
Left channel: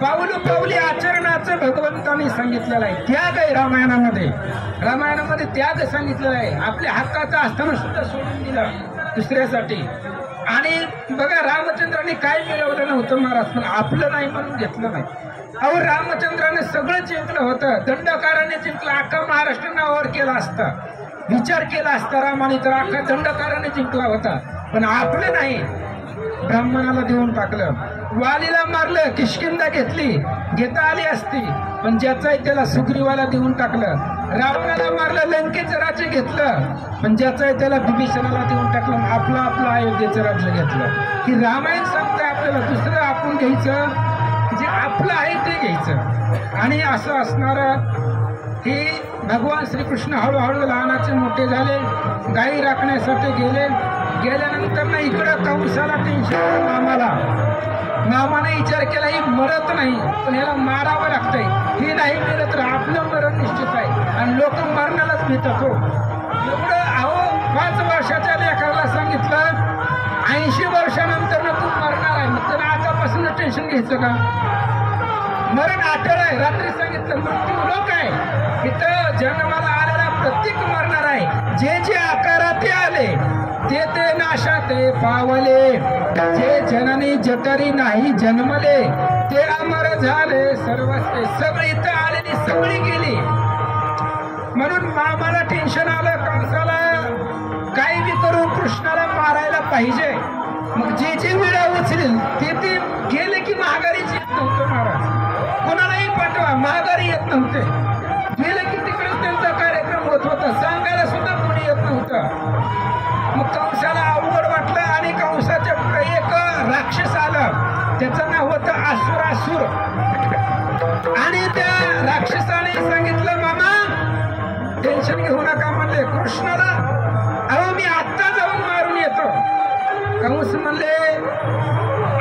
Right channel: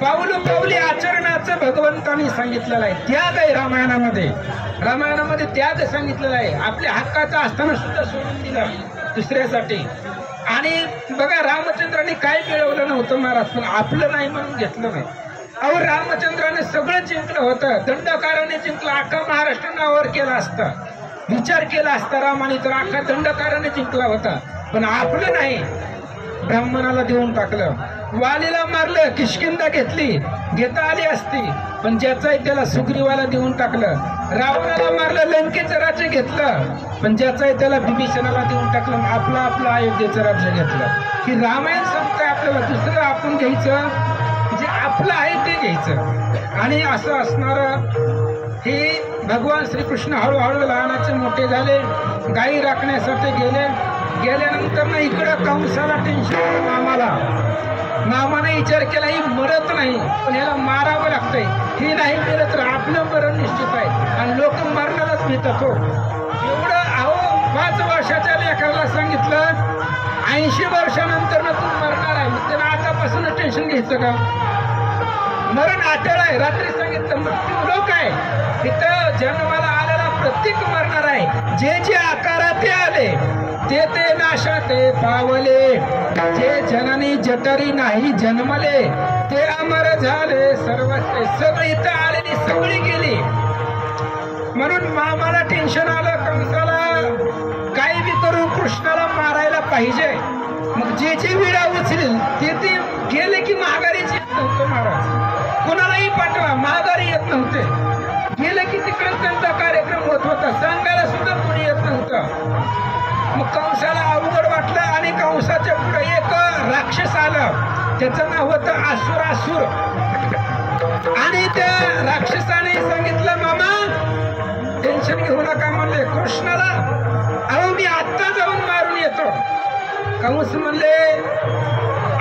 पाऊल पाऊली आचरणाचं भगवंतांनी सांगितलेलं आहे. त्याग आहे रामायणामध्ये. रामायणामध्ये त्याग सांगितलेला आहे. आपल्या हक्काचा असताना सुद्धा सोडून दिला दुसऱ्यासाठी. आणि बघा रामचंद्रांनी काय मिळवलं नव्हतं महाराज, पण आपलं नाही म्हणून घेतलं नाही. अहो रामचंद्राने सगळं जिंकलं होतं. दंडकाराने जिंकलं. अख्खा महाराष्ट्र नावावर केला असता, विचार केला असता रामाने तर अख्खा दंडकाराने जिंकला होता. पण आपलं नाही, ब्राह्मणाला देऊन टाकलं. वालीला मारलं, किष्किंधा घेतली, घेता आली असती, पण ज्याचाही त्याला सुग्रीवाला देऊन टाकलं. रावणाला मारलं, लंकेचं राज्य घेतलं, पण ज्याचाही त्याला विभीषणाला देऊन टाकलं. आपलं आपलं अयोध्येचं राज्य घेतलं. की रामायण सांगतं आपल्याला दुसरं आपण घ्यायचं, जे आपलं आहे ते घ्यायचं. आणि असं असणारं हे भगवान श्रीकृष्ण हळूहळू लहानाचे मोठे झाले, गायी राखण्यासाठी गेले. गेल्यानंतर ना इकडं कंसाला टेन्शन. मामाने विचार केला ही मरत नाही, पण ह्याला मारावं लागतंय. हे नाही मिळत तर आपलं मरण निश्चित आहे. आणि लोक मरणालाच नेतात. हो एवढं. अहो 5 वर्षाच्या लेकराला सांगितलं 80 वर्षानंतर ना तू मरणार आहे, तर आतापासून टेन्शन घ्यायचं का? मरण अटळ आहे. रात्री सांगितलं मृत्यू लोक आहे, इथं जन्माला आलेला प्रत्येक मरणार आहे. जे जे आकारात ते आले ते ते नाशात पावले, जे जननी जठरी नाही जन्मले ते अमर झाले सर्व. सगळी इथं आलेली सगळी गेली. म्हणून मामाला टेन्शन आलं, कंसाला काही बी करून कृष्णाला मारायला पाहिजे. मग जे जे विडा उचलेल ते ते गेले की माघारीच येत नव्हतं महाराज. कोणालाही पाठवा माघारी येत नव्हते. गेले की तिकडेच त्यांचा कार्यक्रम होत होता, सांगायला सुद्धा कोणी येत नव्हतं. मग कंसाला अवघड वाटलं आणि कंसाच्या पुढे एक राक्षस आला, त्याचं नाव होतं असुरासुर. आणि त्या राक्षसाने सांगितलं मामा टेन्शन घेऊ नका म्हणले कृष्णाला, अहो मी आत्ता जाऊन मारून येतो. कंस म्हणले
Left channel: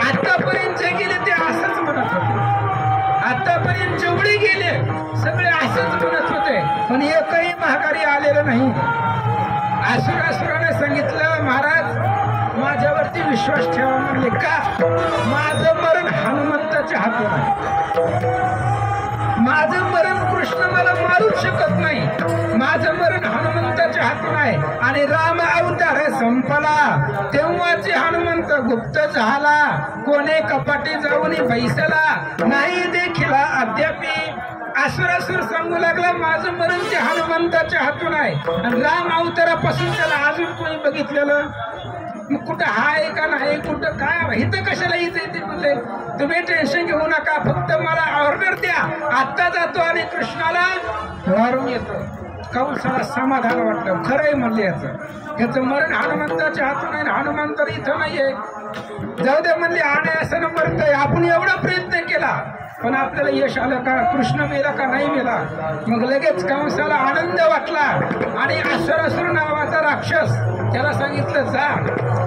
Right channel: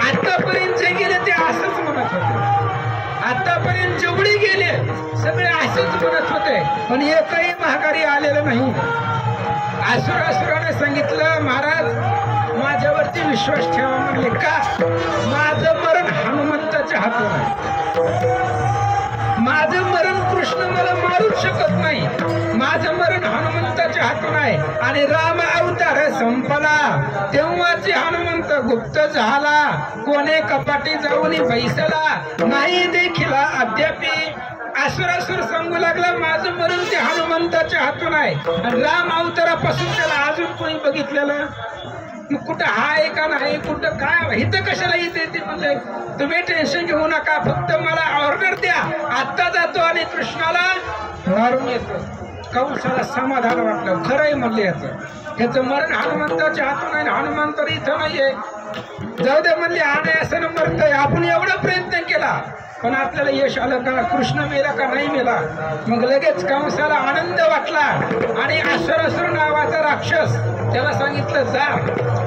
आतापर्यंत जे गेले ते असंच म्हणत होते, आतापर्यंत जेवढे गेले सगळे असंच म्हणत होते, पण एकही माघारी आलेलं नाही. असुराने सांगितलं महाराज माझ्यावरती विश्वास ठेवा म्हणले. का? माझं मरण हनुमंताच्या हातून आहे. माझं मरण कृष्ण मला मारूच शकत नाही. माझं मरण हनुमंताच्या हातून आहे. आणि राम अवतार संपला तेव्हाचे हनुमंत गुप्त झाला, कोणे कपाटी जाऊन बैसला नाही देखील अद्यापी. असुरासुर सांगू लागला माझं मरण ते हनुमंताच्या हातून आहे. आणि राम अवतारापासून त्याला अजून कोणी बघितलेलं मग कुठं आहे का नाही, कुठं काय इथं कशाला इथे ते म्हणले तुम्ही टेन्शन घेऊ नका, फक्त मला ऑर्डर द्या, आत्ता जातो आणि कृष्णाला मारून येतो. कंसाला समाधान वाटलं, खरंय म्हणले याचं मरण हनुमंताच्या हातून आहे, हनुमंत इथं नाहीये. जाऊ दे म्हणले अनायासानं मरतोय, आपण एवढा प्रयत्न केला पण आपल्याला यश आलं का, कृष्ण मेला का नाही मेला. मग लगेच कंसाला आनंद वाटला आणि असुरासुर नावाचा राक्षस त्याला सांगितलं जा.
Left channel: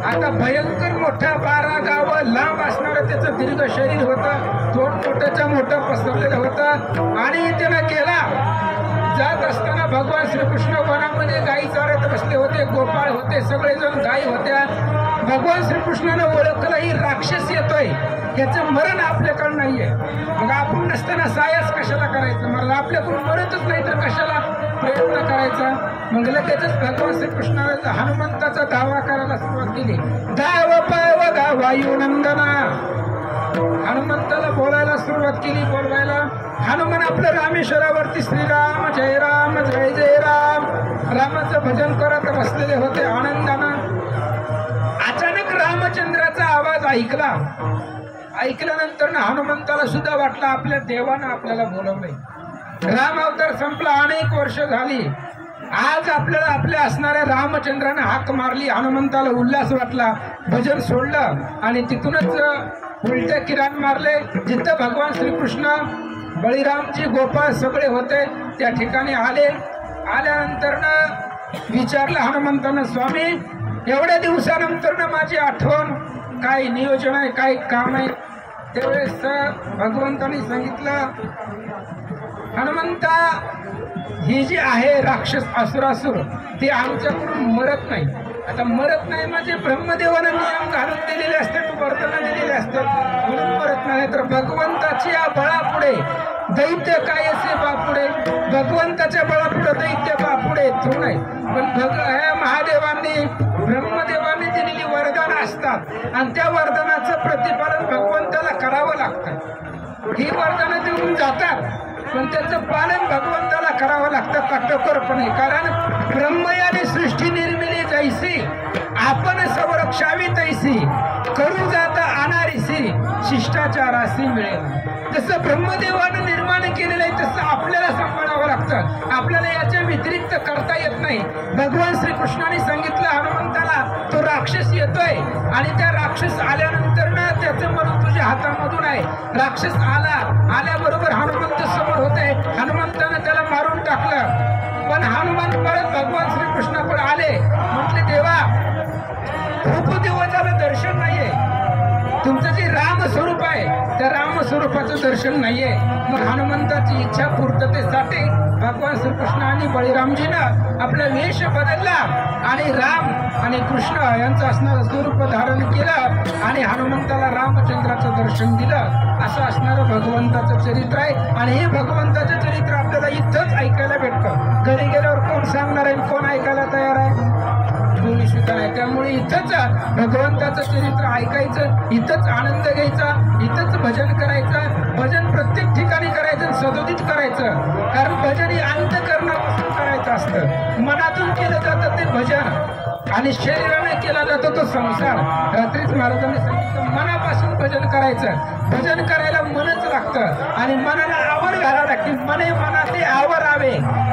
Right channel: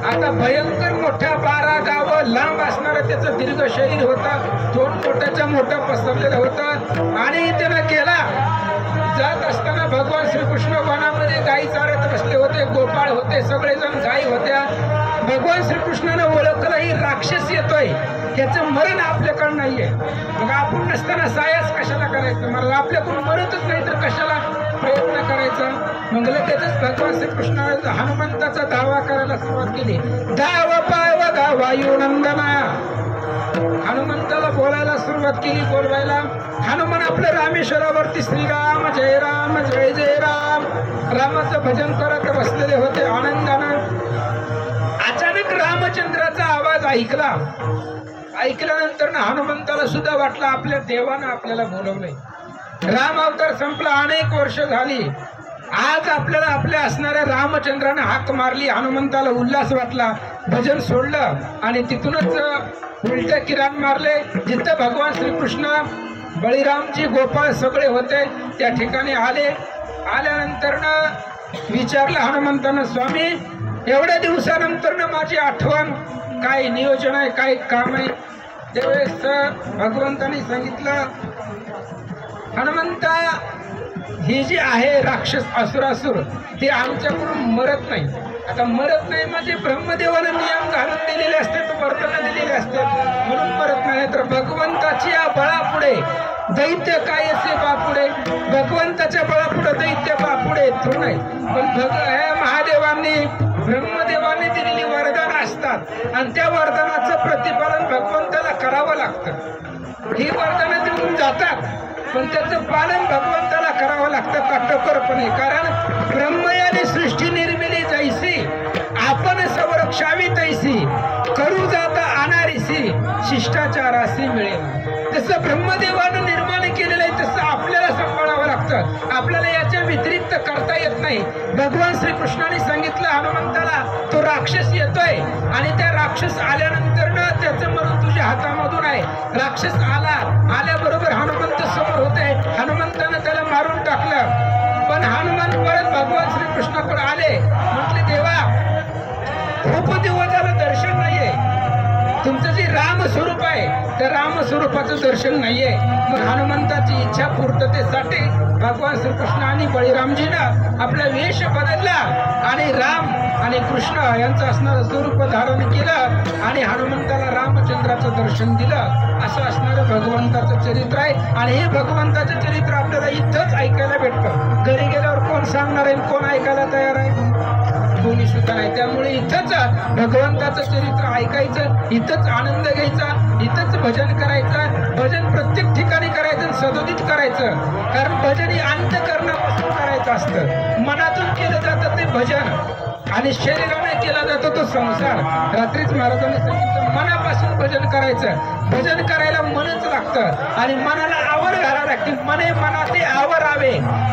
आता भयंकर मोठ्या 12 गावं लांब असणारं त्याचं दीर्घ शरीर होतं, तोंड मोठ्याच्या मोठं पसरलेलं होतं. आणि त्यानं केला जात असताना भगवान श्रीकृष्ण वनामध्ये गायी चारत बसले होते, गोपाळ होते, सगळेजण गायी होत्या. भगवान श्रीकृष्णानं ओळखलं ही राक्षस येतोय, याचं मरण आपल्याकडं नाहीये. मग आपण नसताना सायास कशाला करायचं, मला आपल्याकडून मरतच नाही तर कशाला प्रयत्न करायचा. मग लगेचच भगवान श्रीकृष्णानं हनुमंताचा धावा करायला सुरुवात केली. धाव पाव गा वायुनंदना, हनुमंताला बोलायला सुरुवात केली, बोलवायला. हनुमान आपलं रामेश्वरावरती श्रीराम जय राम जय जय राम रामाचं भजन करत बसलेले होते आनंदानं. अचानक रामचंद्राचा आवाज ऐकल्यानंतर ना हनुमंताला सुद्धा वाटलं आपल्या देवानं आपल्याला बोलवलंय. राम अवतार संपला, अनेक वर्ष झाली. आज आपल्याला आपल्या असणाऱ्या रामचंद्रानं हाक मारली. हनुमंताला उल्हास वाटला, भजन सोडलं आणि तिथूनच उलटे किरण मारले. जिथं भगवान श्रीकृष्ण बळीरामजी गोपाळ सगळे होते त्या ठिकाणी आले. आल्यानंतर विचारलं हनुमंतानं स्वामी एवढ्या दिवसानंतर माझी आठवण, काय नियोजन आहे, काय काम आहे. त्यावेळेस भगवंतांनी सांगितलं हनुमंता ही जी आहे राक्षस असुरासुर ते आमच्याकडून मरत नाही. आता मरत नाही म्हणजे ब्रह्मदेवानं नियम घालून दिलेले असतात, वर्तन दिलेले असतात म्हणून मरत नाही. तर भगवंताची या बळापुढे दैत्य काय असे बापुढे, भगवंताच्या बळापुढे दैत्य बापुढे येतो नाही. पण महादेवांनी ब्रह्मदेवांनी दिलेली वरदान असतात आणि त्या वरदानाचं प्रतिपालन भगवंताला करावं लागतं. ही वरदानं देऊन जातात पण त्याचं पालन भगवंताला करावं लागतं काटेकोरपणे. कारण ब्रह्मयाने सृष्टी निर्मिली जैसी आपण संरक्षावी तैसी, करू जाता अनारिसी शिष्टाचारासी मिळेल. जसं ब्रह्मदेवानं निर्माण केलेलं आहे तसं आपल्याला सांभाळावं लागतं, आपल्याला याच्या व्यतिरिक्त करता येत नाही. भगवान श्रीकृष्णाने सांगितलं हनुमंताला तो राक्षस येतोय आणि त्या राक्षस आल्यानंतर ना त्याचं मरण तुझ्या हातामधून आहे. राक्षस आल्याबरोबर हनुमंत समोर होते, हनुमंतानं त्याला मारून टाकलं. पण हनुमान परत भगवान श्रीकृष्णाकडे आले, म्हटले देवा खूप दिवस झालं दर्शन नाहीये, तुमचं जे राम स्वरूप आहे त्या राम स्वरूपाचं दर्शन नाहीये. मग हनुमंताची इच्छा पूर्ततेसाठी भगवान श्रीकृष्ण आणि बळीरामजीनं आपला वेश बदलला आणि राम आणि कृष्ण यांचं असणारं स्वरूप धारण केलं आणि हनुमंताला रामचंद्राचं दर्शन दिलं. असं असणारं भगवंताचं चरित्र आहे. आणि हे भगवंताचं चरित्र आपल्याला इथंच ऐकायला भेटतं. घरी गेल्यावर कोण सांगणार आहे, कोण ऐकायला तयार आहे? कोणी सुद्धा नाही. त्यामुळे इथंच भगवंताचं चरित्र ऐकायचं, इथंच आनंद घ्यायचा, इथंच भजन करायचं. भजन प्रत्येक ठिकाणी करायचं, सदोदित करायचं. कारण भजन हे अंतःकरणापासून करायचं असतं. मनातून केलं जातं ते भजन आणि शरीराने केला जातो तो संसार. रात्रीच महाराजांनी सांगितलं मनापासून भजन करायचं. भजन करायला मनच लागतं आणि मनाला आवड घालावी लागते. मने मनाते आवरावे,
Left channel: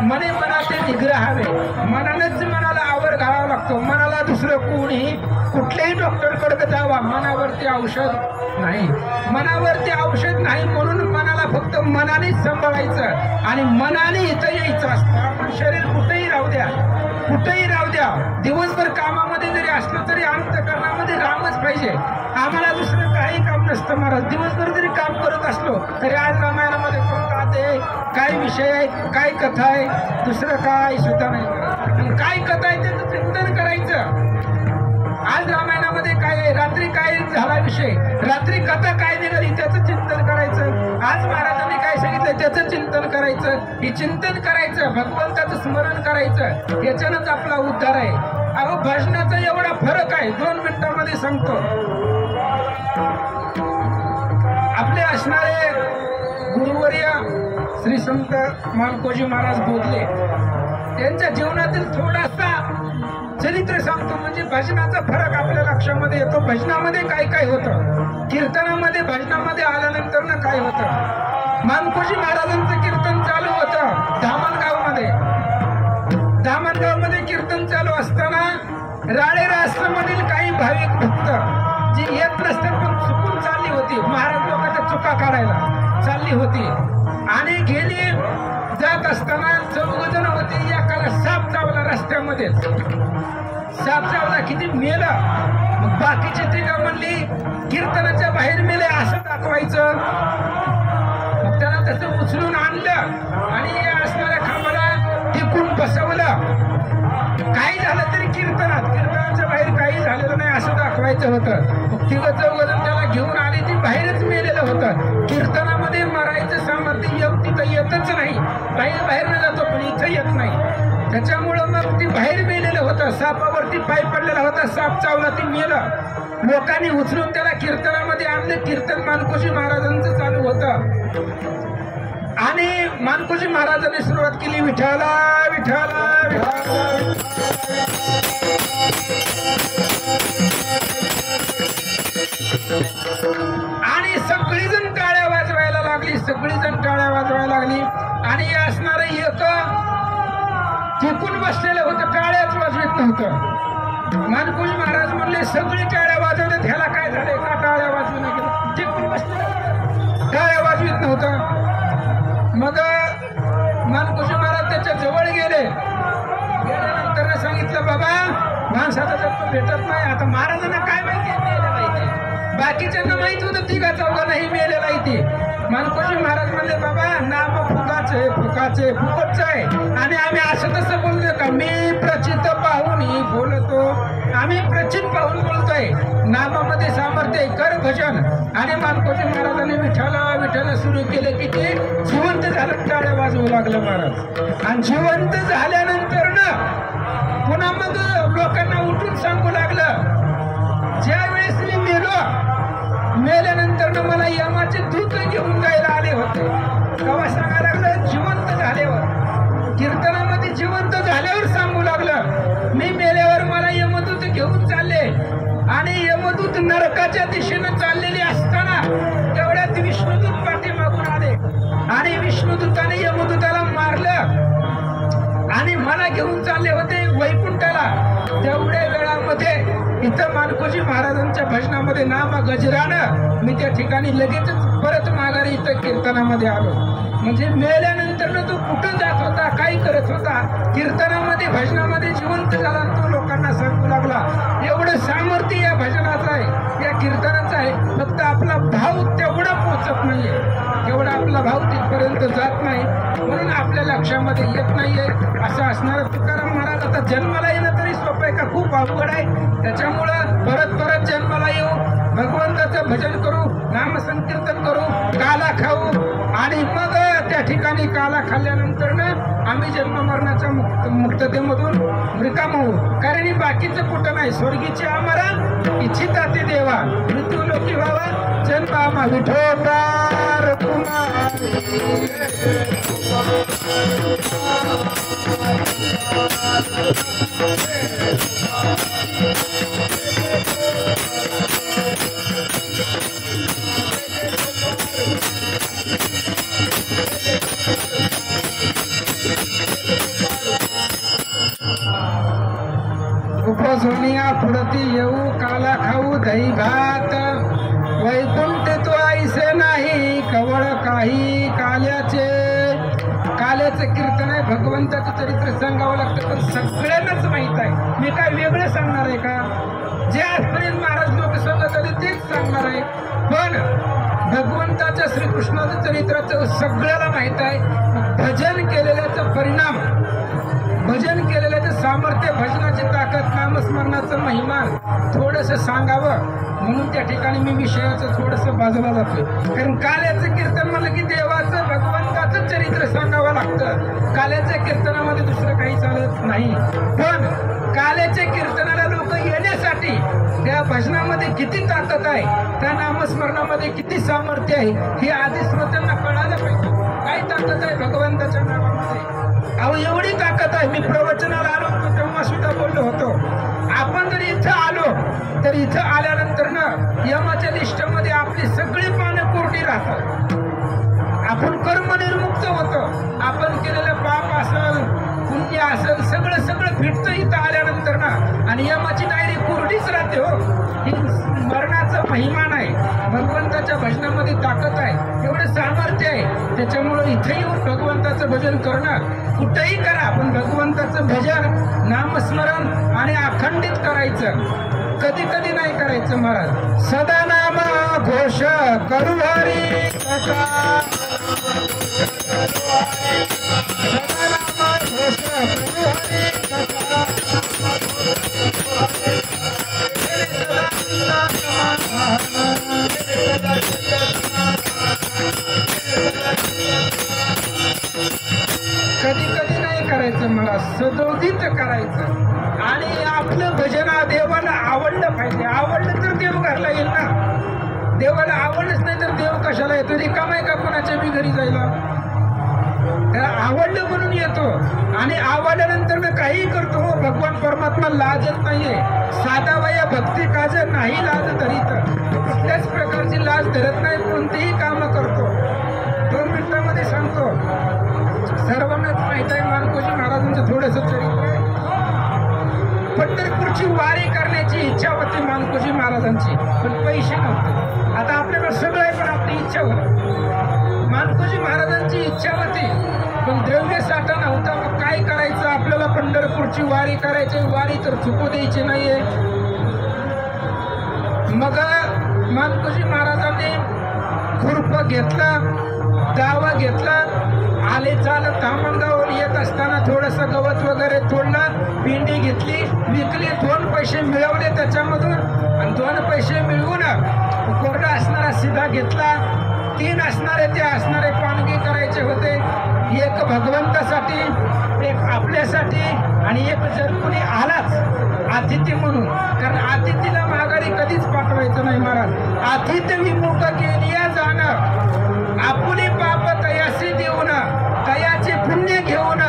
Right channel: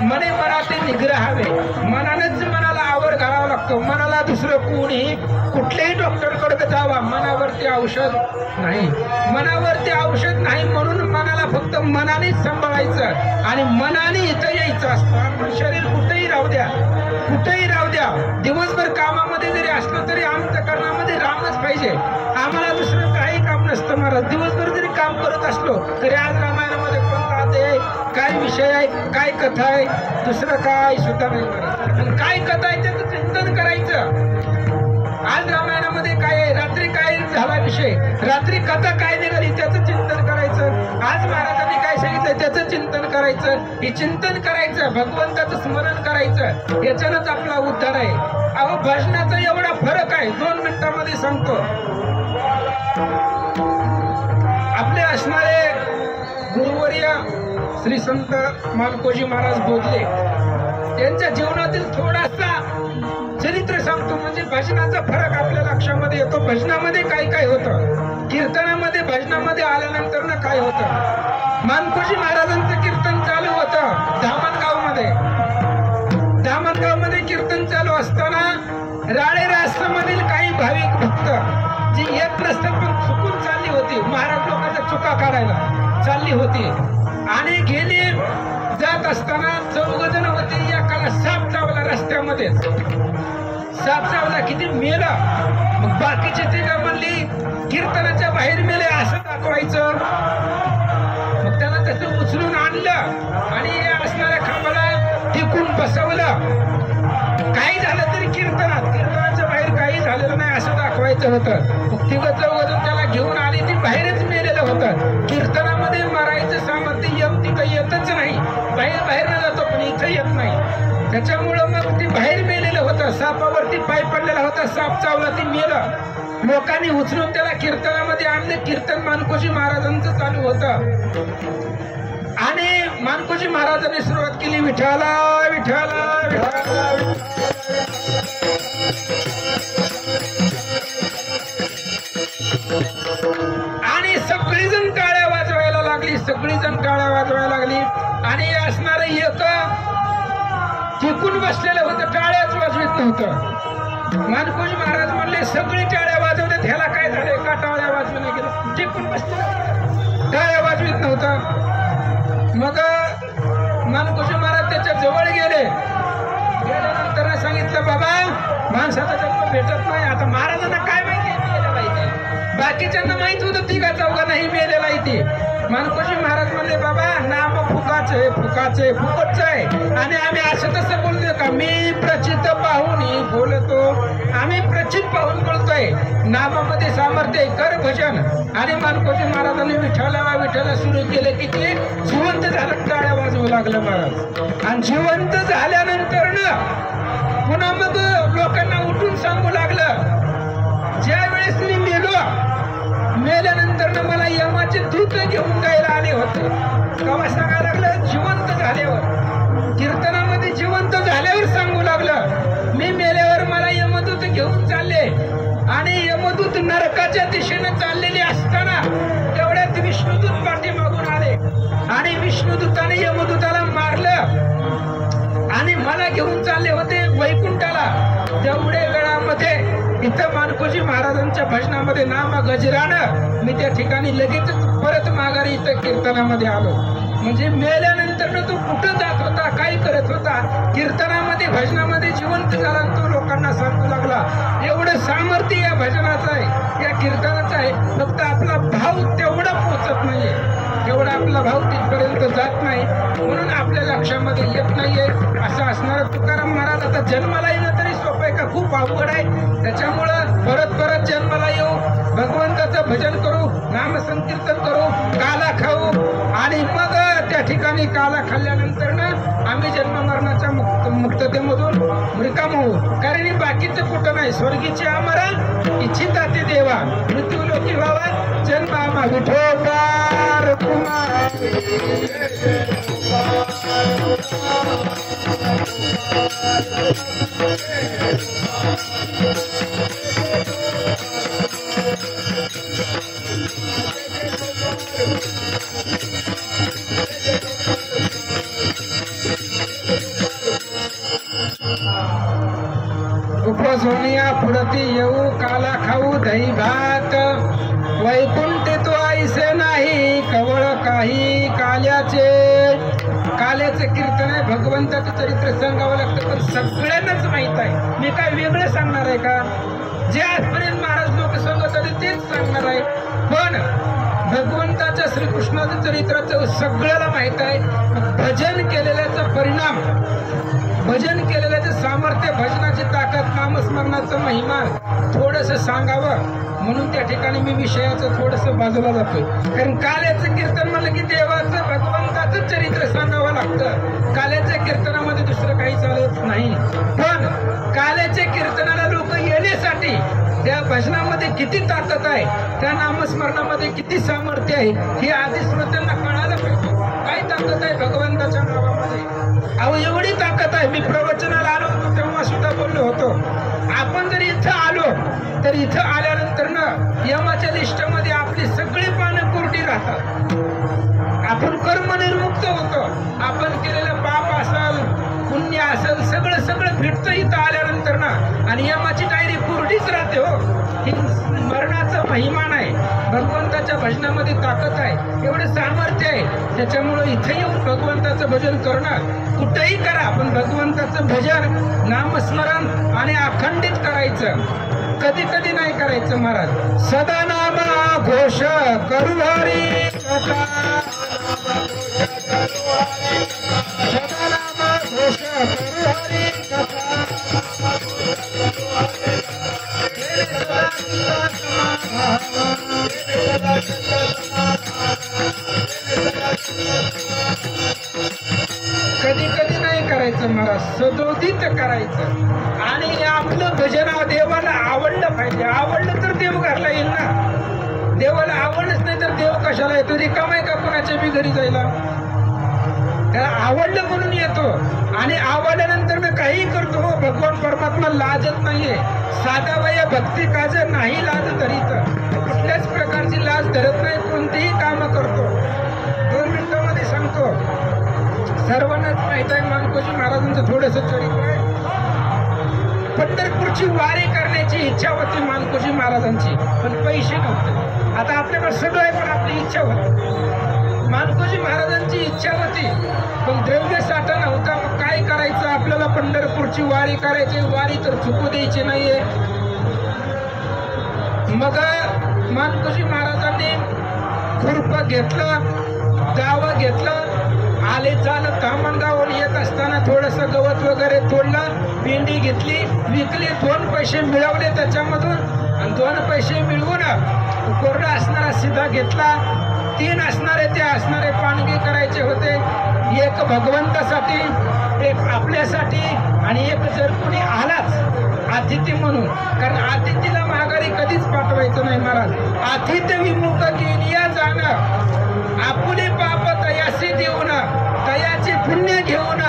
मने मनाते निग्रहावे. मनानेच मनाला आवड घालावा लागतो. मनाला दुसरं कोणी कुठल्याही डॉक्टरकडे जावा, मनावरती औषध नाही. मनावरती औषध नाही म्हणून मनाला फक्त मनानेच सांभाळायचं आणि मनाने इथं यायचं असतं. आपलं शरीर कुठेही राहू द्या, कुठेही राहू द्या. दिवसभर कामामध्ये जरी असलं तरी अंतःकरणामध्ये रामच पाहिजे. आम्हाला दुसरं काही काम नसतं महाराज. दिवसभर जरी काम करत असलो तरी आज रामायणामध्ये कोणता आहे, काय विषय आहे, काय कथा आहे, दुसरं काय सुद्धा नाही महाराज. आणि काय कथा आहे त्याचं चिंतन करायचं. आज रामायणामध्ये काय आहे, रात्री काय झाला विषय, रात्री कथा काय निघाली त्याचं चिंतन करायचं. आज महाराजांनी काय सांगितलं त्याचं चिंतन करायचं. हे चिंतन करायचं, भगवंताचं स्मरण करायचं. याच्यानंच आपला उद्धार आहे. अहो भजनाचा एवढा फरक आहे. 2 मिनिटांमध्ये सांगतो. आपले असणारे गुरुवर्य श्री संत मानकोजी महाराज बोधले त्यांच्या जीवनातील थोडासा चरित्र सांगतो. म्हणजे भजनाचा फरक आपल्या लक्षामध्ये येतो. भजनामध्ये काय काय होतं, कीर्तनामध्ये भजनामध्ये आल्यानंतर ना काय होतं. मानकोजी महाराजांचं कीर्तन चालू होतं धामणगावमध्ये. धामणगावमध्ये कीर्तन चालू असताना राळे राष्ट्रामधील काही भाविक भक्त जी येत नसतात पण चुकून चालली होती. महाराज लोकांच्या चुका काढायला चालली होती आणि गेली जात असताना 4 जण होते. एकाला साप चावला रस्त्यामध्येच. साप चावला, किती मेला. मग बाकीची तिघं म्हणली कीर्तनाच्या बाहेर मेले असं दाखवायचं. मग त्याला तसं उचलून आणलं आणि असणाऱ्या खांबाला टिकून बसवलं. काही झालं तरी कीर्तनाच्या बाहेर काही झालेलं नाही असं दाखवायचं होतं. मग 3-4 जण त्याला घेऊन आले. ती बाहेरच मेलेलं होतं. कीर्तनामध्ये मरायचं सामर्थ्य तिथं येतच नाही. बाहेर न जातो पण इथं येत नाही. त्याच्यामुळं मग ती बाहेर मेलेलं होतं. सापावरती पाय पडलेला होता. साप चावला, ती मेलं. लोकांनी उचलून त्याला कीर्तनामध्ये आणलं. कीर्तन मानकोजी महाराजांचं चालू होतं आणि मानकोजी महाराजांनी सुरुवात केली विठ्ठला विठ्ठला विठ्ठला. आणि सगळीजण टाळ्या वाजवायला लागली. सगळीजण टाळ्या वाजवायला लागली आणि असणारं एक टिकून बसलेलं होतं, टाळ्याच वाजवीत नव्हतं. मानकोजी महाराज म्हणले सगळी टाळ्या वाजवले, ह्याला काय झालंय का टाळ्या वाजवू नाही गेलं. टिकून बसले, टाळ्या वाजवीत नव्हता. मग मानकोजी महाराज त्याच्या जवळ गेले. गेल्यानंतर सांगितलं बाबा माणसाचा जन्म भेटत नाही. आता महाराजांना काय माहिती, बाकीच्यांना माहित होतं 3-4 नाही मेलेला इथे. मानकोजी महाराज म्हणले बाबा नाम फुकाचं आहे, फुकाचं आहे, फुकटच आहे. आणि आम्ही असं तसं बोलतोय का, मी प्रचित पाहून बोलतो, आम्ही प्रचित पाहून बोलतोय. नामामध्ये सामर्थ्य आहे, कर भजन. आणि मानकोजी महाराजांनी विठ्ठला विठ्ठला सुरू केलं की ते जिवंत झालं. टाळ्या वाजवू लागलं महाराज. आणि जिवंत झाल्यानंतर ना पुन्हा मग लोकांना उठून सांगू लागलं ज्या वेळेस मी मेल्यानंतर मला यमाचे दूत घेऊन जायला आले होते. तेव्हा सांगायला लागलं जिवंत झाल्यावर. कीर्तनामध्ये जिवंत झाल्यावर सांगू लागलं मी मेल्यावर मला यमदूत घेऊन चालले. आणि यमदूत नरकाच्या दिशेने चाललेले असताना तेवढ्यात विष्णुदूत पाठीमागून आले आणि विष्णुदूताने यमदूताला मारलं आणि मला घेऊन चालले होते वैकुंठाला. तेवढ्या वेळामध्ये इथं मानकोजी महाराजांच्या भजनामध्ये नाम गजरानं मी त्या ठिकाणी लगेचच परत माघारी इथं कीर्तनामध्ये आलो. म्हणजे मेल्यानंतर तो कुठं जात होता, काय करत होता, कीर्तनामध्ये भजनामध्ये जिवंत झाला आणि तो लोकांना सांगू लागला. एवढं सामर्थ्य या भजनाचं आहे, या कीर्तनाचं आहे. फक्त आपला भाव तेवढा पोचत नाहीये, तेवढा आपला भाव तिथपर्यंत जात नाही, म्हणून आपल्या लक्षामध्ये येत नाहीये. असं असणारा तुकाराम महाराज आता जन्माला येणं तरी सोपं आहे का? खूप अवघड आहे. त्याच्यामुळं परत परत जन्माला येऊ, भगवंताचं भजन करू, नामसंकीर्तन करू, काला खाऊ आणि मग त्या ठिकाणी काला खाल्ल्यानंतर ना आम्ही जन्म मरणाच्या मुक्ततेमधून रिकाम होऊ. कारण हे बाकीचं कुठं नाही. स्वर्गीची आम्हाला इच्छिता ते देवा, मृत्यू लोकी व्हावा, जन्म आम्हा विठोबार कुमारी. उपसोनिया पुढती येऊ, काला खाऊ दही भात, वैकुंठ तो ऐसे नाही कवळ काही काल्याचे. काल्याचं कीर्तन आहे, भगवंताचं चरित्र सांगावं लागतं, पण सगळ्यांनाच माहित आहे. मी काय वेगळं सांगणार आहे का? जे आजपर्यंत महाराज लोक सांगत आले तेच सांगणार आहे. पण भगवंताच्या श्रीकृष्णाचं चरित्राचं सगळ्याला माहित आहे. भजन केलेल्याचा परिणाम, भजन केलेल्याचं सामर्थ्य, भजनाची ताकद, नामस्मरणाचं महिमा थोडंसं सांगावं म्हणून त्या ठिकाणी मी विषयाचं थोडंसं बाजूला जातोय. कारण काल्याचं कीर्तन म्हणलं की देवाचं, भगवंताचं चरित्र सांगावं लागतं. काल्याच्या कीर्तनामध्ये दुसरं काही चालत नाही. पण काल्याच्या कीर्तनाला लोक येण्यासाठी त्या भजनामध्ये किती ताकद आहे, त्या नामस्मरणामध्ये किती सामर्थ्य आहे, हे आधी श्रोत्यांना कळायला पाहिजे. काय ताकद आहे भगवंताच्या नावामध्ये? अहो एवढी ताकद आहे. मी प्रवचनाला आलो होतो तेव्हा सुद्धा बोललो होतो, आपण जर इथं आलो तर इथं आल्यानंतर ना यमाच्या लिस्टमध्ये आपली सगळी पानं कोरडी राहतात. आपण कर्मनिर्मुक्त होतो. आपण केलेलं पाप असेल, पुण्य असेल, सगळं सगळं फिटतं इथं आल्यानंतर ना, आणि यमाची डायरी कोरडीच राहते. हो, ही मरणाचं महिमान आहे. भगवंताच्या भजनामध्ये ताकद आहे, एवढं सामर्थ्य आहे. त्याच्यामुळं इथे येऊन भगवंताचं भजन करणं, कुठेही करा पण भगवंताचं भजन, नामस्मरण आणि अखंडित करायचं. कधी कधी नाही करायचं महाराज. सदा नाम घोष करू हरी कथा, सदा नाम घोष करू हरी कथा, कधी कधी नाही करायचं महाराज, सदोदित करायचं. आणि आपलं भजन देवाला आवडलं पाहिजे. आवडलं तर देव घरला येईल ना. देवाला आवडलंच नाही तर देव कशाला येतो? रिकामा आहे का कोणाच्या बी घरी जायला? त्याला आवडलं म्हणून येतो. आणि आवडल्यानंतर मी काही करतो. भगवान परमात्मा लाजत नाहीये. साधा वया भक्ती काज नाही लाज धरीत. कुठल्याच प्रकारची लाज धरत नाही, कोणतेही काम करतो. 2 मिनिटांमध्ये सांगतो. सर्वांनाच माहित आहे मानकोजी महाराजांचं थोडंसं चरित्र आहे. पंढरपूरची वारी करण्याची इच्छा होती मानकोजी महाराजांची, पण पैसे नव्हते. आता आपल्याकडे सगळं आहे पण आपली इच्छा होती. मानकोजी महाराजांची इच्छा होती पण द्रव्य साठा नव्हता. मग काय करायचं? आपल्याला पंढरपूरची वारी करायची, वारी तर चुकू द्यायची नाहीये. मग मानकोजी महाराजांनी खुरपा घेतला, दावा घेतला, आले चालत धामणगावर येत असताना थोडंसं गवत वगैरे तोडलं, पिंडी घेतली, विकली, 2 पैसे मिळवले त्याच्यामधून. आणि 2 पैसे मिळवून कोरडा असणारा सिधा घेतला. 3 असणारे ते असणारे पाणगी करायचे होते. एक भगवंतासाठी, एक आपल्यासाठी आणि एक जर कोणी आलाच अतिथी म्हणून. कारण अतिथीला माघारी कधीच पाठवायचं नाही महाराज. अतिथी विमुख केलिया जाणं, आपुले पाप तयासी देऊन, तयाचे पुण्य घेऊन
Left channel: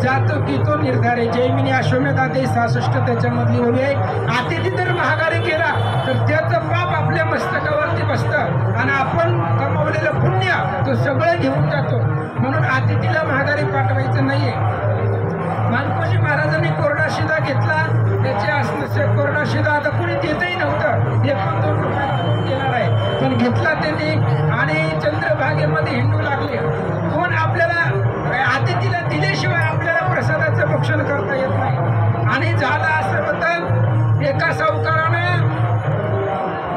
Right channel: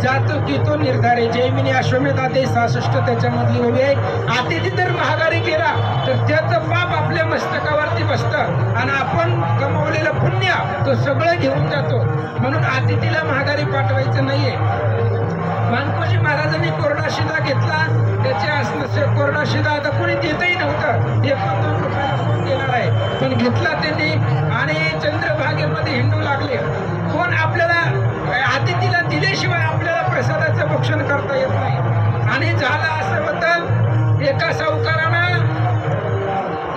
जातो की तो निर्धारे. जैमिनी अश्वमेधा ते 66 त्याच्यामधली ओवी आहे. अतिथी जर माघारी केला तर त्याचं पाप आपल्या मस्तकावरती बसतं आणि आपण कमावलेलं पुण्य तो सगळं घेऊन जातो. म्हणून अतिथीला माघारी पाठवायचं नाहीये. मानकोजी महाराजांनी कोरडा शिधा घेतला. त्याचे कोरडा शिधा आता कोणी देतही नव्हतं, 1-2 रुपयाला कोण देणार आहे, पण घेतला त्यांनी आणि चंद्रभागेमध्ये हिंडू लागले. कोण आपल्याला अतिथीला दिल्याशिवाय आपल्याला प्रसादाचं भक्षण करता येत नाही. आणि झालं असं होतं, एका सावकारानं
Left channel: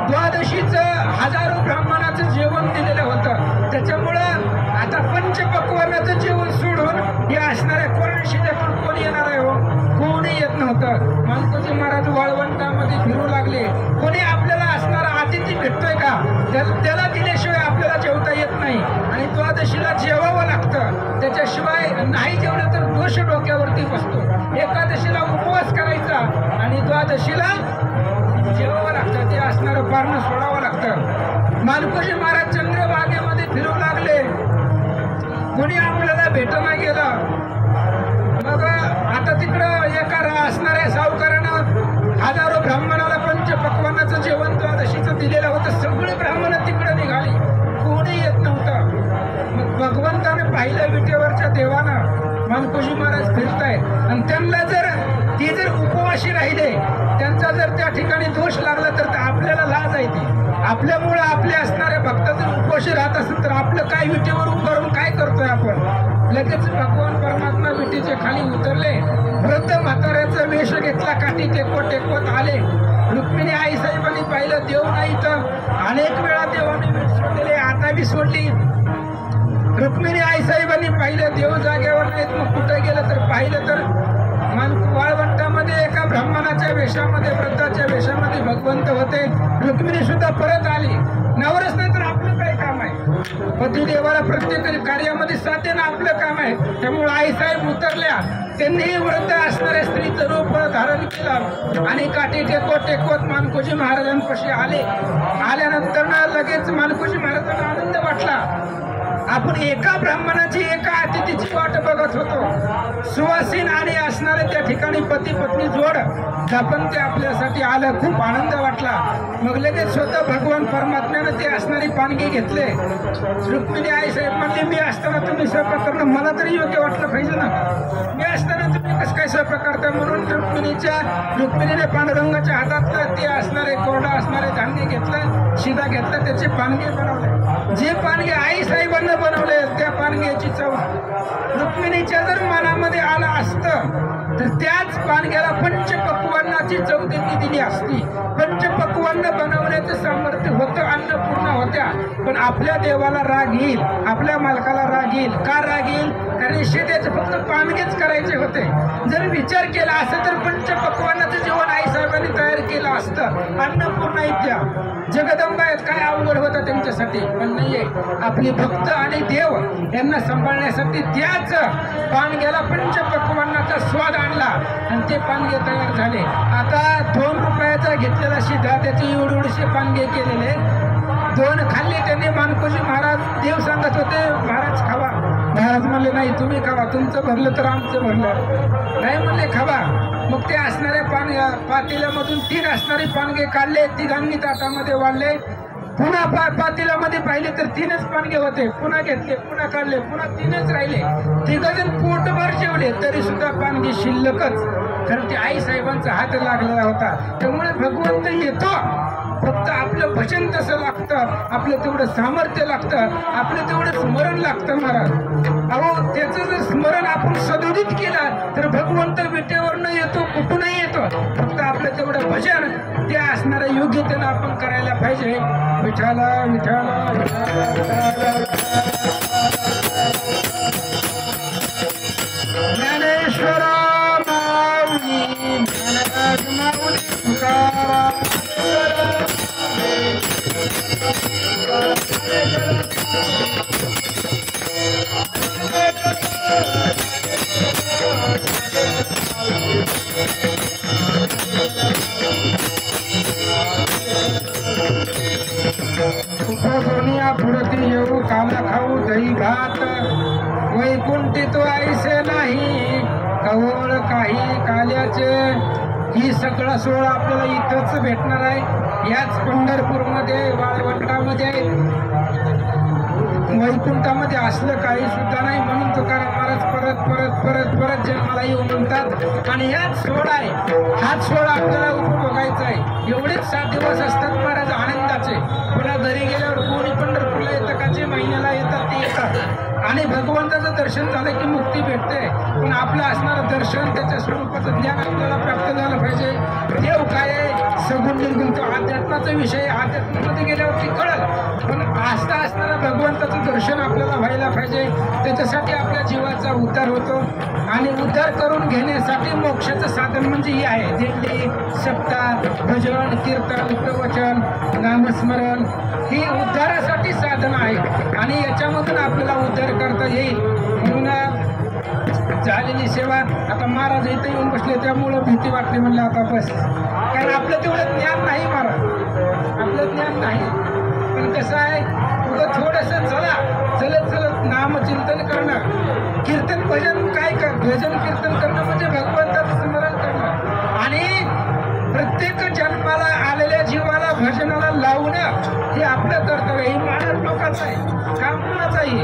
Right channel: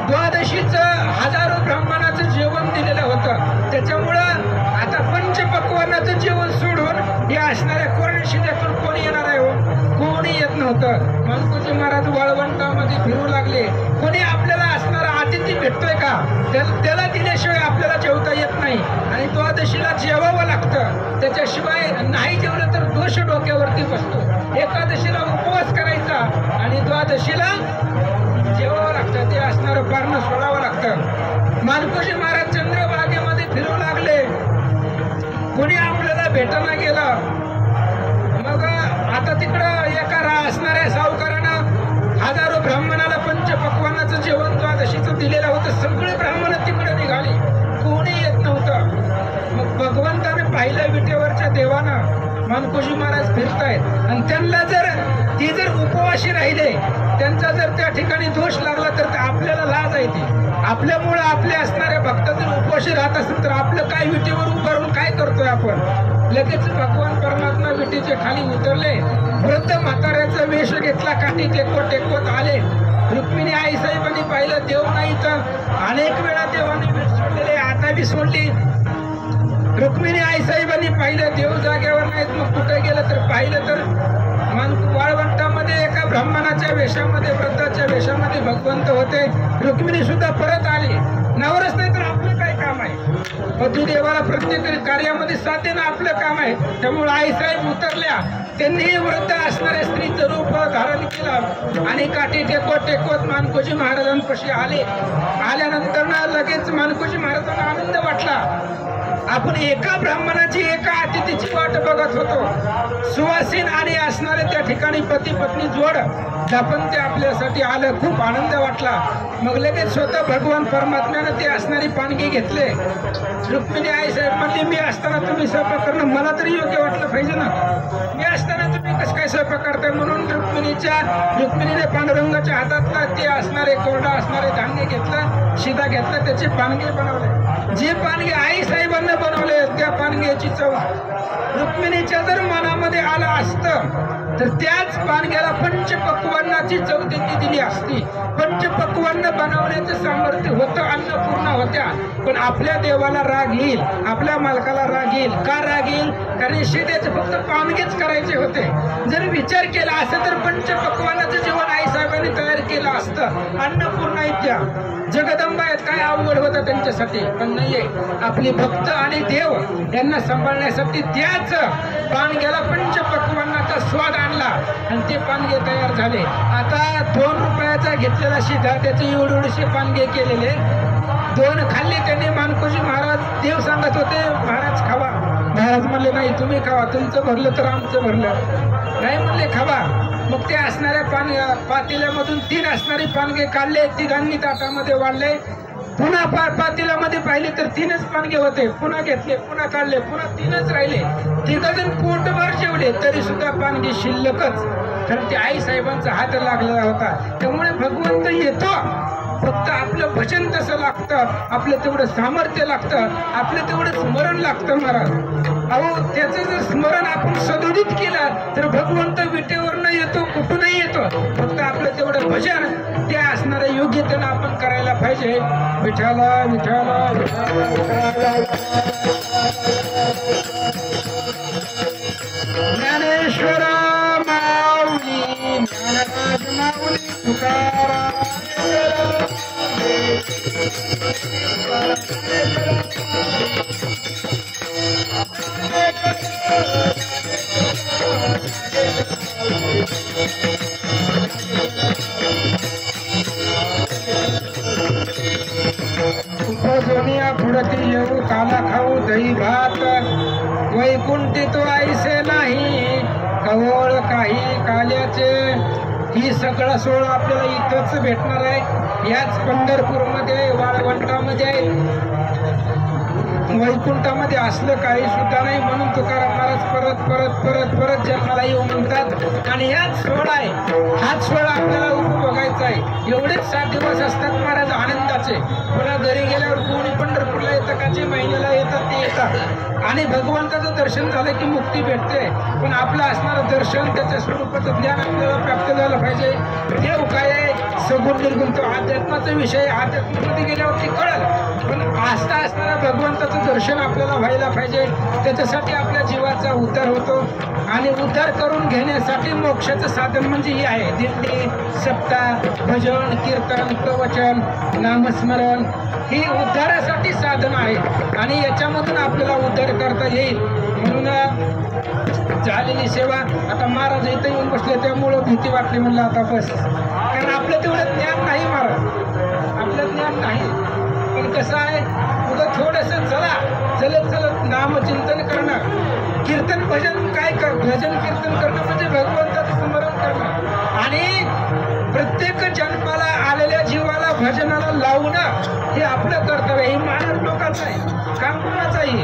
द्वादशीचं हजारो ब्राह्मणाचं जेवण दिलेलं होतं. त्याच्यामुळं आता पंचपक्वानाचं जेवण सोडून हे असणाऱ्या कोरड्या शिध्यातून कोणी येणार आहे हो? कोणी येत नव्हतं. मानकोजी महाराज वाळवंटामध्ये फिरू लागले. कोणी आपल्याला असणारा अतिथी भेटतोय का? त्याला दिल्याशिवाय आपल्याला जेवता येत नाही आणि द्वादशीला जेवावं लागतं. त्याच्याशिवाय नाही जेवलं तर दोष डोक्यावरती बसतो. एकादशीला उपवास करायचा आणि द्वादशीला जेवावं लागतं, ते असणारं पारणं सोडावं लागतं. मानकोजी महाराज चंद्रभागेमध्ये फिरू लागले. कोणी आपल्याला भेटायला गेलं. मग आता तिकडं एका असणाऱ्या सावकारानं हजारो ब्राह्मणाला पंचपक्वानाचं जेवण द्वादशीचं दिलेलं होतं. सगळे ब्राह्मण तिकडं निघाले, कोणी येत नव्हतं. मग भगवंताने पाहिलं विटेवरच्या देवानं मानकोजी महाराज फिरतायत आणि त्यांना जर उपवाशी राहिले, त्यांचा जर त्या ठिकाणी दोष लागला तर आपल्याला लाज येते. आपल्यामुळं आपले असणाऱ्या भक्त जर उपवाशी राहत असेल तर आपलं काय विटेवर उभं राहून काय करतोय आपण? लगेच भगवान परमात्मा विटीचे खाली उतरले. वृद्ध म्हाताऱ्याचा वेश घेतला, काठी टेकवत आले. रुक्मिणी आई साहेबांनी पाहिलं, देव नाही तर अनेक वेळा देवाने वीट सोडलेले, आता बी सोडली. रुक्मिणी आई साहेबांनी पाहिलं, देव जागेवर नाहीत. मग कुठे गेलं तर पाहिलं तर वाळवंटामध्ये एका ब्राह्मणाच्या वेशामध्ये, वृद्धाच्या वेशामध्ये भगवंत होते. रुक्मिणी सुद्धा परत आली. नवरच नाही तर आपलं काय काम आहे? पतिदेवाला प्रत्येक कार्यामध्ये साथ देणं आपलं काम आहे. त्यामुळे आईसाहेब उतरल्या. त्यांनी वृद्ध असणाऱ्या स्त्रीचं रूप धारण केलं आणि काठी टेकवत मानकोजी महाराजांपाशी आले. आल्यानंतर लगेच मानकोजी महाराजांना आनंद वाटला. आपण एका ब्राह्मणाची, एका अतिथीची वाट बघत होतो. सुवासीन आणि असणारे त्या ठिकाणी पती पत्नी जोड आपण ते आपल्यासाठी आलं. खूप आनंद वाटला. मग लगेच स्वतः भगवान परमात्म्यानं ते असणारी पानगी घेतले. रुक्मिणी आई साहेब म्हणजे मी असताना तुम्ही स्वयंपाक करणं मला तरी योग्य वाटलं पाहिजे ना. मी असताना तुम्ही कसं काय स्वयंपाक करताय? म्हणून रुक्मिणीने पांडुरंगाच्या हातातलं ते असणारे कोरडा असणारे धान्य घेतलं, शिधा घेतला, त्याचे पानगे बनवले. जे पानगे आई साहेबांना बनवले त्या पानग्याची चव रुक्मिणीच्या जर मनामध्ये आला असतं तर त्याच पानग्याला पंचपक्वान्नाची चव त्यांनी दिली असती. पंचपक्वान्न बनवण्याचं सामर्थ्य होतं, अन्नपूर्णा होत्या. पण आपल्या देवाला राग येईल, आपल्या मालकाला राग येईल. का राग येईल? कारण शिध्याचे फक्त पानगेच करायचे होते. जर विचार केला असं तर पंचपक्वान्नाचं जेवण आईसाहेबांनी तयार केलं असतं. अन्नपूर्णा इतक्या जगदंबा आहेत, काय अवघड होतं त्यांच्यासाठी. पण नाहीये, आपली भक्त आणि देव यांना सांभाळण्यासाठी त्याच पानग्याला पंचपक्वान्नाचा स्वाद आणला आणि ते पानगे तयार झाले. आता 2 रुपयाचा घेतलेला शिधा त्याचे एवढे पानगे केलेले. 2 खाल्ले त्यांनी. मानकोजी महाराज देव सांगत होते, महाराज खावा. महाराज म्हणले नाही, तुम्ही खावा, तुमचं भरलं तर आमचं भरलं. नाही म्हणले खावा. मग ते असणाऱ्या पातेल्यामधून 3 असणारे पानगे काढले, तिघांनी ताटामध्ये वाढले. पुन्हा पातेल्यामध्ये पाहिले तर 3च पानगे होते. पुन्हा घेतले, पुन्हा काढले, पुन्हा 3च राहिले. तिघजण पोटभर जेवले तरी सुद्धा पानगे शिल्लकच. कारण ते आई साहेबांचा हात लागलेला होता. त्यामुळे भगवंत येतो, फक्त आपलं भजन तसं लागतं, आपलं तेवढं सामर्थ्य लागतं, आपलं तेवढं स्मरण लागतं महाराज. अहो त्याचं जर स्मरण आपण सदोदित केलं तर भगवंत विटेवरनं येतो, कुठूनही येतो. फक्त आपलं तेवढं भजन ते असणाऱ्या योग्यतेनं आपण करायला पाहिजे. विठाला विठाला ज्ञानेश्वरा माऊली, ज्ञानराज माऊली तुकाराम. सोनिया फुडती येऊ, काला खाऊ दही भात, वैकुंठी तो ऐसे नाही कवळ काही काल्याचे. ही सगळा सोहळा आपल्याला इथंच भेटणार आहे, याच पंढरपूरमध्ये, वाळवंटामध्ये, वैकुंठामध्ये. असलं काही सुद्धा नाही. म्हणून तुकाराम महाराज परत परत परत परत परत जन्माला येऊ म्हणतात आणि याच सोहळा आहे, हाच सोहळा आपल्याला उपभोगायचा आहे. एवढेच 7 दिवस असतात महाराज आनंदाचे. पुन्हा घरी गेल्यावर कोणी पंढरपूरला येतं का, जे महिन्याला येतात ते येतात आणि भगवंताचं दर्शन झालं की मुक्ती भेटते. पण आपलं असणारं दर्शन, त्याच्या स्वरूपाचं ज्ञान आपल्याला प्राप्त झालं पाहिजे. देव काय आहे, सगुण निर्गुण, तो अध्यात्माचा विषय, अध्यात्मामध्ये गेल्यावरती कळल. पण आस्था असणारा भगवंताचं दर्शन आपल्याला व्हायला पाहिजे. त्याच्यासाठी आपल्या जीवाचा उद्धार होतो आणि उद्धार करून घेण्यासाठी मोक्षाचं साधन म्हणजे हे आहे, दिंडी, सप्ताह, भजन, कीर्तन, प्रवचन, नामस्मरण, ही उद्धारासाठी साधन आहे आणि याच्यामधून आपल्याला उद्धार करता येईल. म्हणून झालेली सेवा, आता महाराज इथं येऊन बसले त्यामुळं भीती वाटली, म्हणलं आता बस, कारण आपलं तेवढं ज्ञान नाही महाराज, आपलं ज्ञान नाही. पण कसं आहे, उगं थोडंसं चला, चलत चलत नामचिंतन करणं, कीर्तन भजन काय कर, भजन कीर्तन करणं म्हणजे भगवंताचं स्मरण करणं आणि प्रत्येक जन्माला आलेल्या जीवाला भजनाला लावणं हे आपलं कर्तव्य. हे महाराज लोकांचं आहे, काम कुणाचं आहे.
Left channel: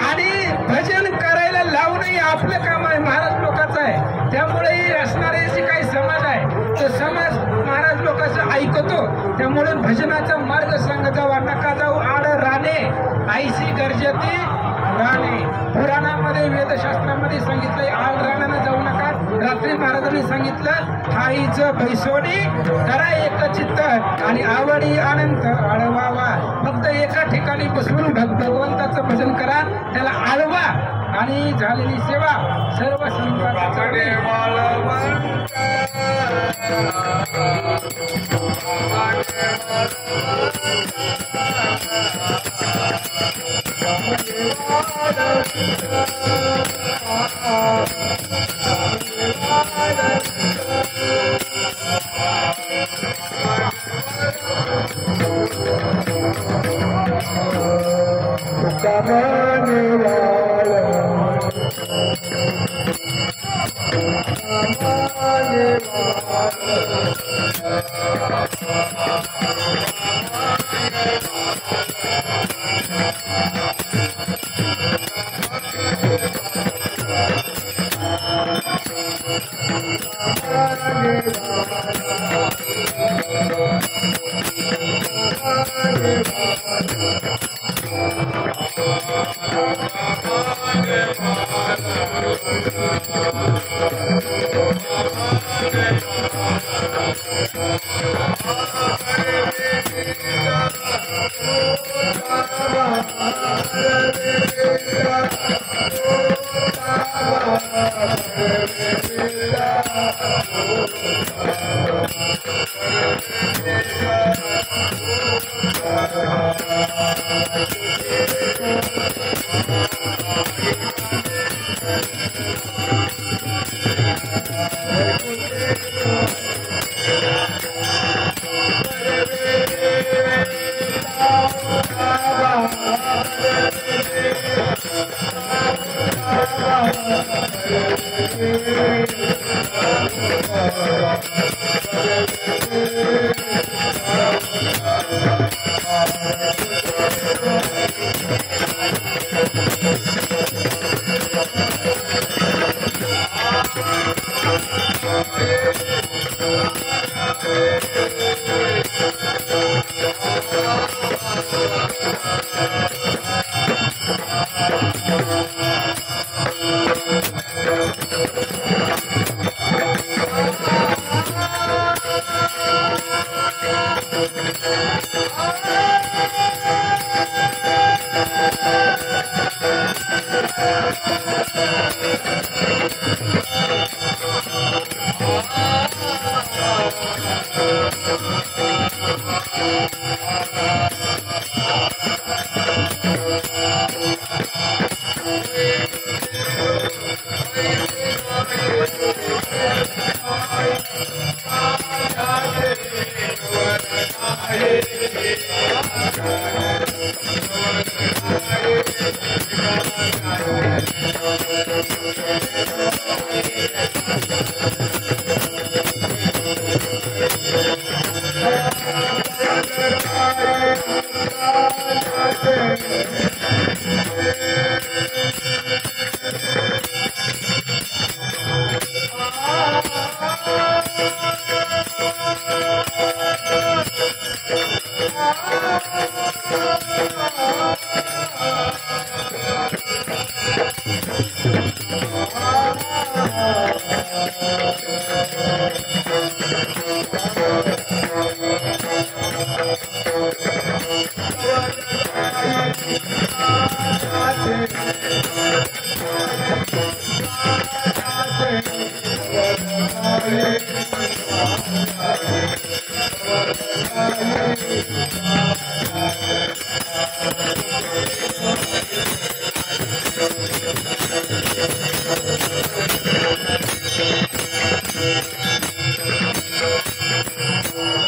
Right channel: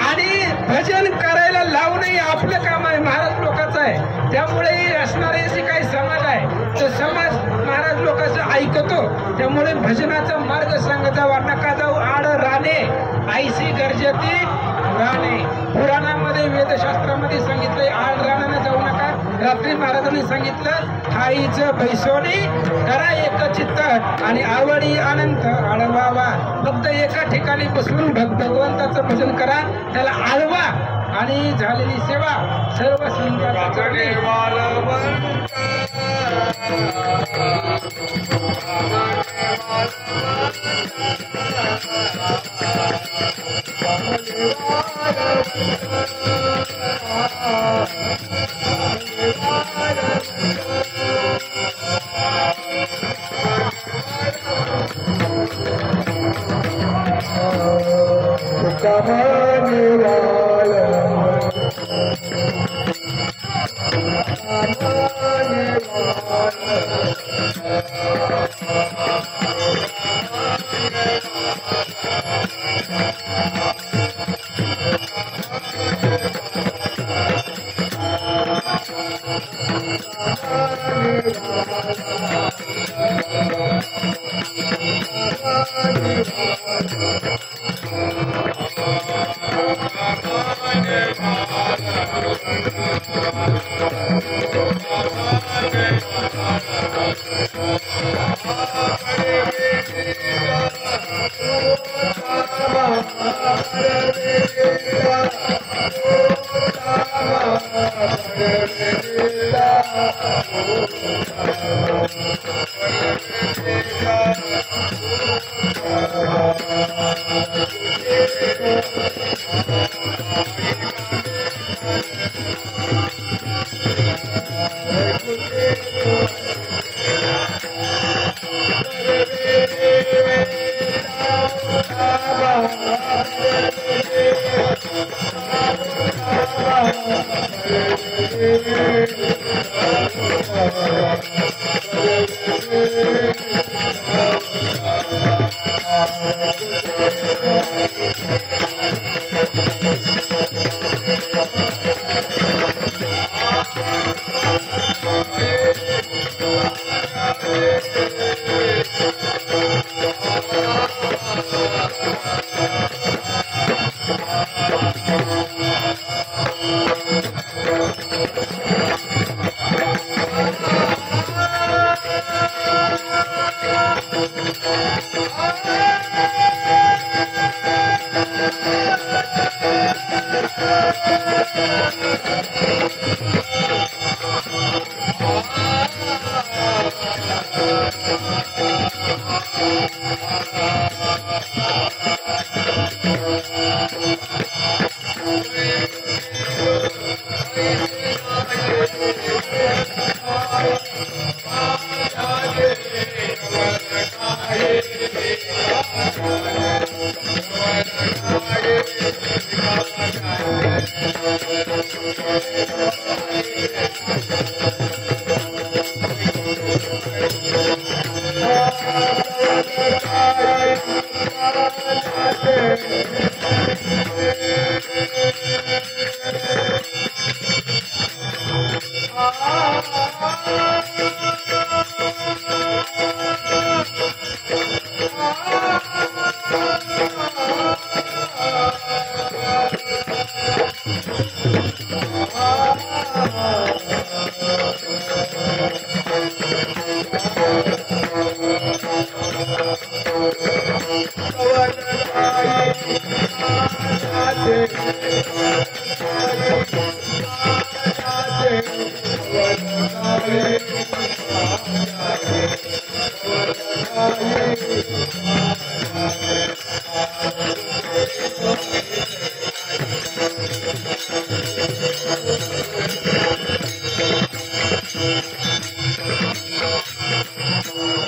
आणि भजन करायला लावणं हे आपलं काम आहे, महाराज लोकांचं आहे. त्यामुळे असणारे जे काही समाज आहे तो समाज महाराज लोकांचं ऐकतो. त्यामुळे भजनाचा मार्ग सांगता वा नका जाऊ आड राणे, आईशी गरजेती राणे. पुराणामध्ये वेदशास्त्रामध्ये सांगितलंय आड रानानं जाऊ नका. रात्री महाराजांनी सांगितलं, ठाईचं भैसोनी करा एक चित्त आणि आवडी आनंद आळवावा. फक्त एका ठिकाणी बसून भगवंताचं भजन करा, त्याला आळवा आणि झालेली सेवा सर्व संतांनी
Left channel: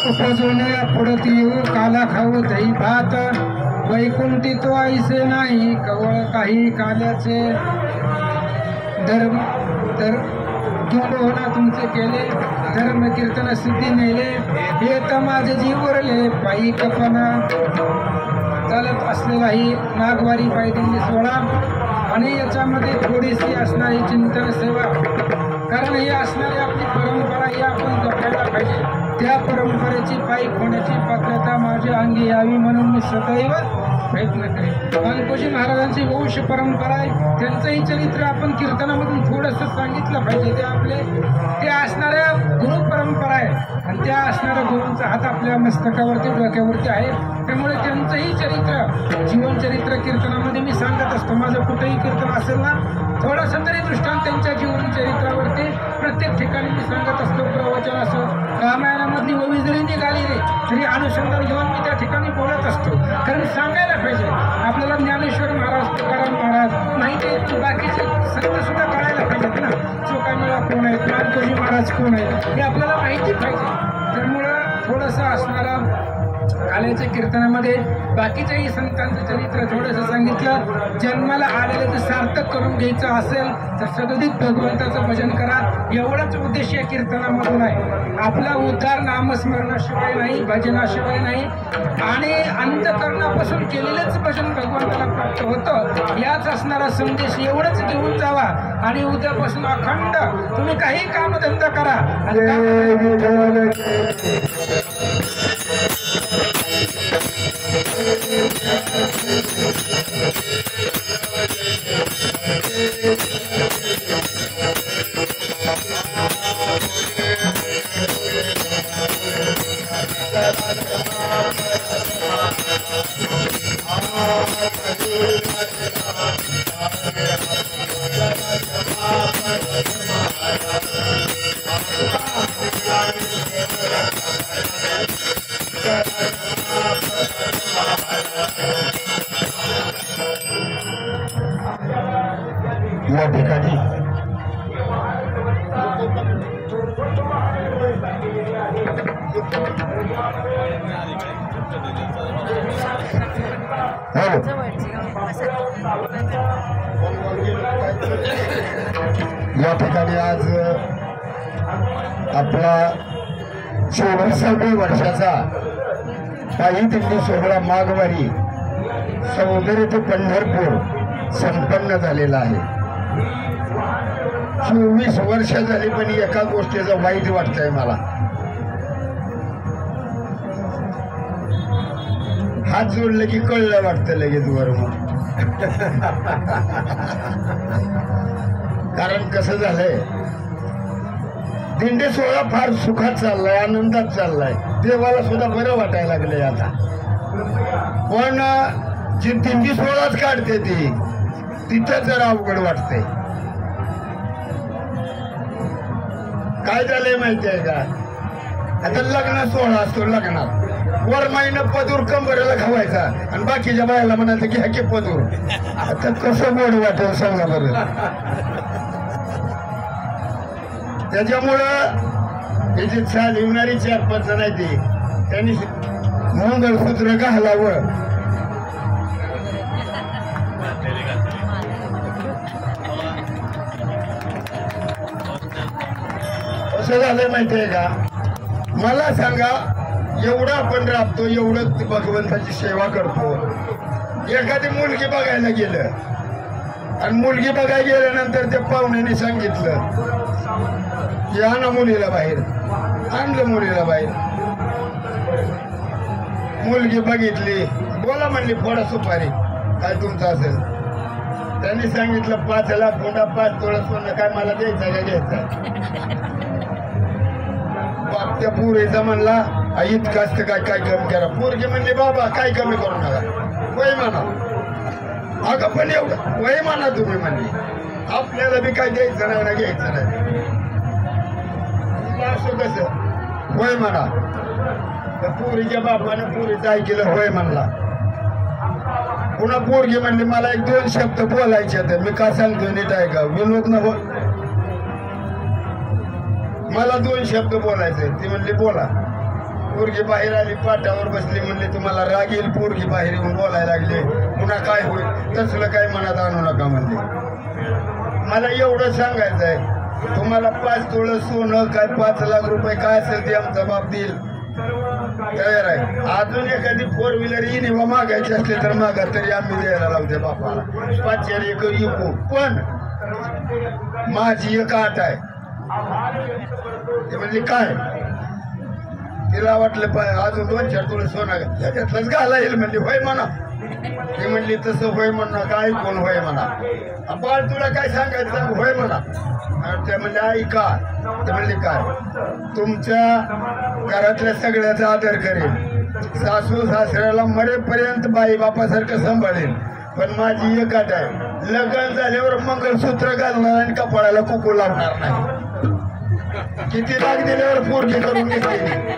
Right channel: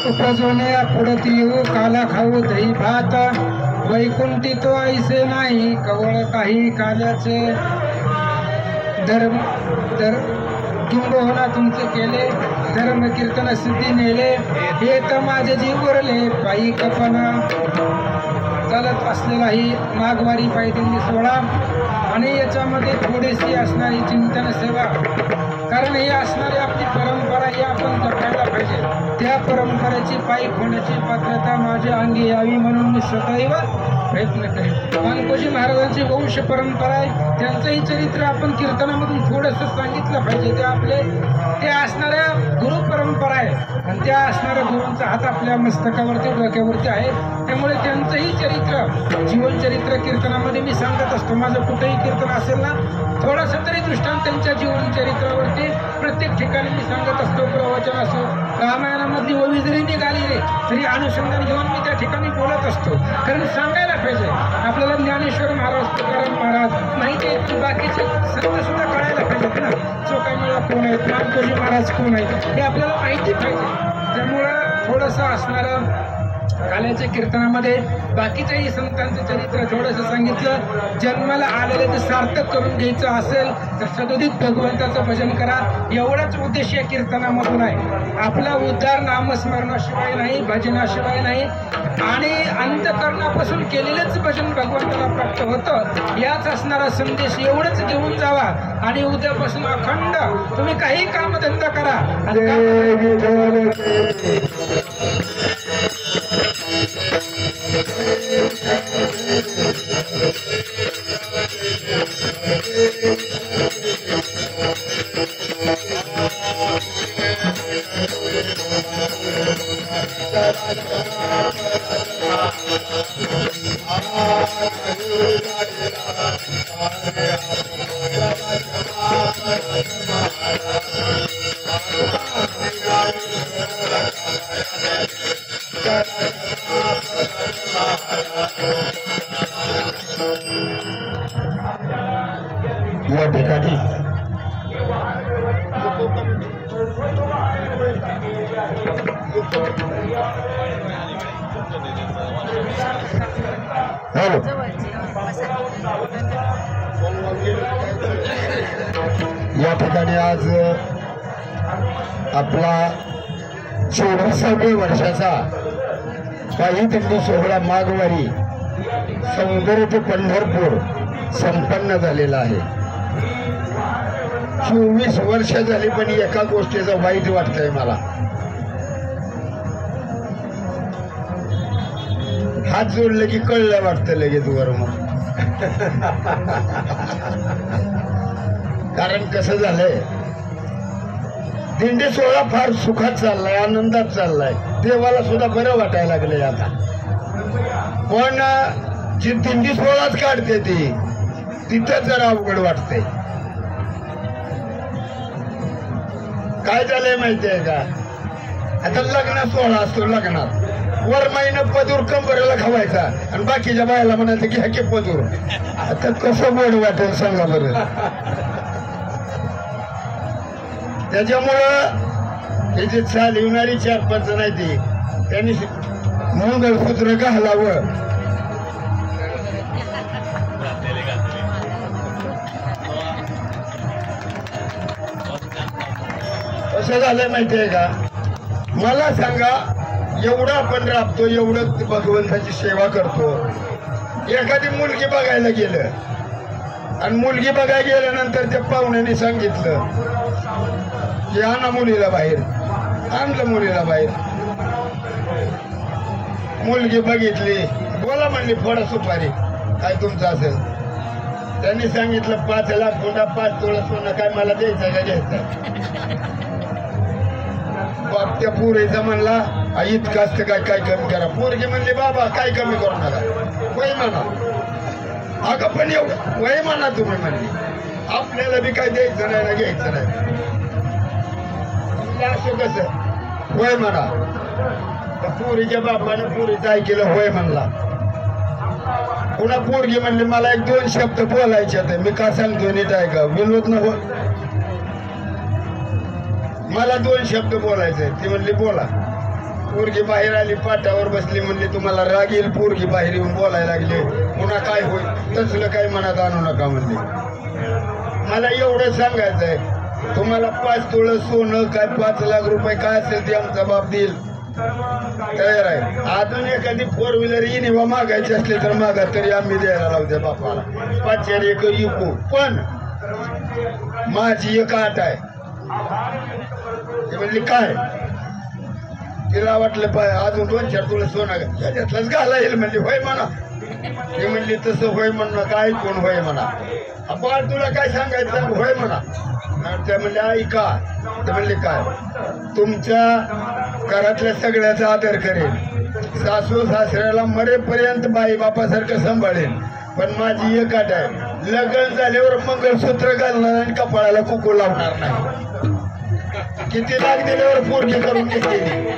उपजवणे पुढत येऊ काला खाऊ दही भात वैकुंठी तो ऐसे नाही कवळ काही काल्याचे धर्म किंबहुना तुमचे केले धर्म कीर्तन सिद्धी नेले हे तर माझे जीव उरले पायी कपना चालत असलेलाही नागवारी पायदंडी सोहळा आणि याच्यामध्ये थोडीशी असणारी चिंतन सेवा कारण ही असणारी आपली परंपरा ही आपण जपायला पाहिजे त्या परंपरेची पायी होण्याची पात्रता माझ्या अंगी यावी म्हणून मी सदैव प्रयत्न करेन वाल्मिकी महाराजांची वंश परंपरा आहे त्यांचंही चरित्र आपण कीर्तनामधून थोडंसं सांगितलं पाहिजे ते असणाऱ्या गुरु परंपरा आहे आणि त्या असणाऱ्या गुरूंचा हात आपल्या मस्तकावरती डोक्यावरती आहे त्यामुळे त्यांचंही चरित्र जीवनचरित्र कीर्तनामध्ये मी सांगत असतो माझं कुठेही कीर्तन असेल ना थोडंसं तरी दृष्टांत त्यांच्या जीवनचरित्रावरती प्रत्येक ठिकाणी मी सांगत असतो प्रवचन असो रामायणामधली ओवी जरी निघाली रे तरी अनुसंधान घेऊन मी त्या ठिकाणी बोलत असतो कारण सांगायला पाहिजे आपल्याला ज्ञानेश्वर महाराज तुकाराम महाराज माहिती आहे की बाकीचे संत सुद्धा कळायला पाहिजेत ना चोखामेळा कोण आहेत वाल्मिकी महाराज कोण आहेत हे आपल्याला माहिती पाहिजे त्यामुळं थोडंसं असणारं काल्याच्या कीर्तनामध्ये बाकीच्याही संतांचं चरित्र थोडंसं सांगितलं जन्माला आलेले ते सार्थक करून घ्यायचं असेल तर सदोदित भगवंताचं भजन करा एवढाच उद्देश या कीर्तनामधून आहे आपला उद्धार नामस्मरणाशिवाय नाही भजनाशिवाय नाही आणि अंतकरणापासून केलेलंच भजन भगवंताला प्राप्त होतं याच असणारा संदेश एवढंच घेऊन जावा आणि उद्यापासून अखंड तुम्ही काही कामधंदा करा या ठिकाणी या ठिकाणी आज आपला 24व्या वर्षाचा पायी दिंडी सोहळा माघवारी सौंदर्य ते पंढरपूर संपन्न झालेला आहे 24 वर्ष झाली पण एका गोष्टीचं वाईट वाटतंय मला हात जोडले की कळलं वाटतं लगेच वर मग कारण कसं झालंय दिंडी सोहळा फार सुखात चाललाय आनंदात चाललाय देवाला सुद्धा बरं वाटायला लागलंय आता पण जी दिंडी सोहळाच काढते ती तिथं जरा अवघड वाटते काय झालंय माहिती आहे का आता लग्न सोहळा असतो लग्नात वर महिना पदूर कंबरेला खावायचा आणि बाकीच्या बायाला म्हणायचं की ह्या पदूर आता कसं गोड वाटेल सांगा बरं त्याच्यामुळं हे जे चालवणारी 4-5 जण आहे ती त्यांनी मंगळसूत्र घालावं कसं झालंय माहितीये का मला सांगा एवढं आपण राबतो, एवढं भगवंताची सेवा करतो. एखादी मुलगी बघायला गेलं आणि मुलगी बघायला गेल्यानंतर त्या पाहुण्याने सांगितलं की आणा मुलीला बाहेर. आणलं मुलीला बाहेर. मुलगी बघितली, बोला म्हणली फोडा सुपारी काय तुमचं असेल. त्यांनी सांगितलं 5 लाख फोडा, 5 तोळा सोनं, काय मला द्यायचं का घ्यायचं. बाप त्या पुरीचा म्हणला इतकं असतं काय कमी करा. पोरगी म्हणली बाबा काय कमी करू नका, वय म्हणा. अगं पण एवढं वय म्हणा तुम्ही म्हणली, आपल्याला बी काय द्यायचं नाही ना घ्यायचं नाही. असं कसं वय म्हणा. त्या पुरीच्या बापानं पुरीचं ऐकलं, होय म्हणला. पुन्हा पोरगी म्हणली मला 1-2 शब्द बोलायचे तर मी का सांगतो नीट आहे का विनोद न हो, मला 2 शब्द बोलायचे. ती म्हणली बोला. पोरगी बाहेर आली, पाटावर बसली. म्हणली तुम्हाला राग येईल, पोरगी बाहेर येऊन बोलायला लागली. पुन्हा काय होईल तसलं काही मनात आणू नका म्हणली. मला एवढं सांगायचं आहे, तुम्हाला 5 तोळं सोनं काय 5 लाख रुपये काय असेल ते आमचा बाप देईल, तयार आहे. अजून एखादी 4 व्हीलर इनिवा मागायची असली तर मागा, तरी आम्ही द्यायला लावते बापाला. 5 एक इको. पण माझी एक आट आहे. ते म्हणजे काय, तिला वाटलं अजून 2-4 तोळं सोनं त्याच्यातलंच घाला येईल. म्हणली होय म्हणा. ती म्हणली तसं होय म्हणणं काय कोण होय म्हणा. आपण तुला काय सांगायचं होय म्हणा. त्या म्हणले ऐका. तर म्हणले काय, तुमच्या घरातल्या सगळ्याचा आदर करेल, सासू सासऱ्याला मरेपर्यंत बाई बापासारखं सांभाळेल. पण माझी एक अट आहे, लग्न झाल्यावर मंगळसूत्र घालणार आणि कपाळाला कुकू लावणार नाही. किती लाख दिल्यावर पोरगी करून घेतलेली.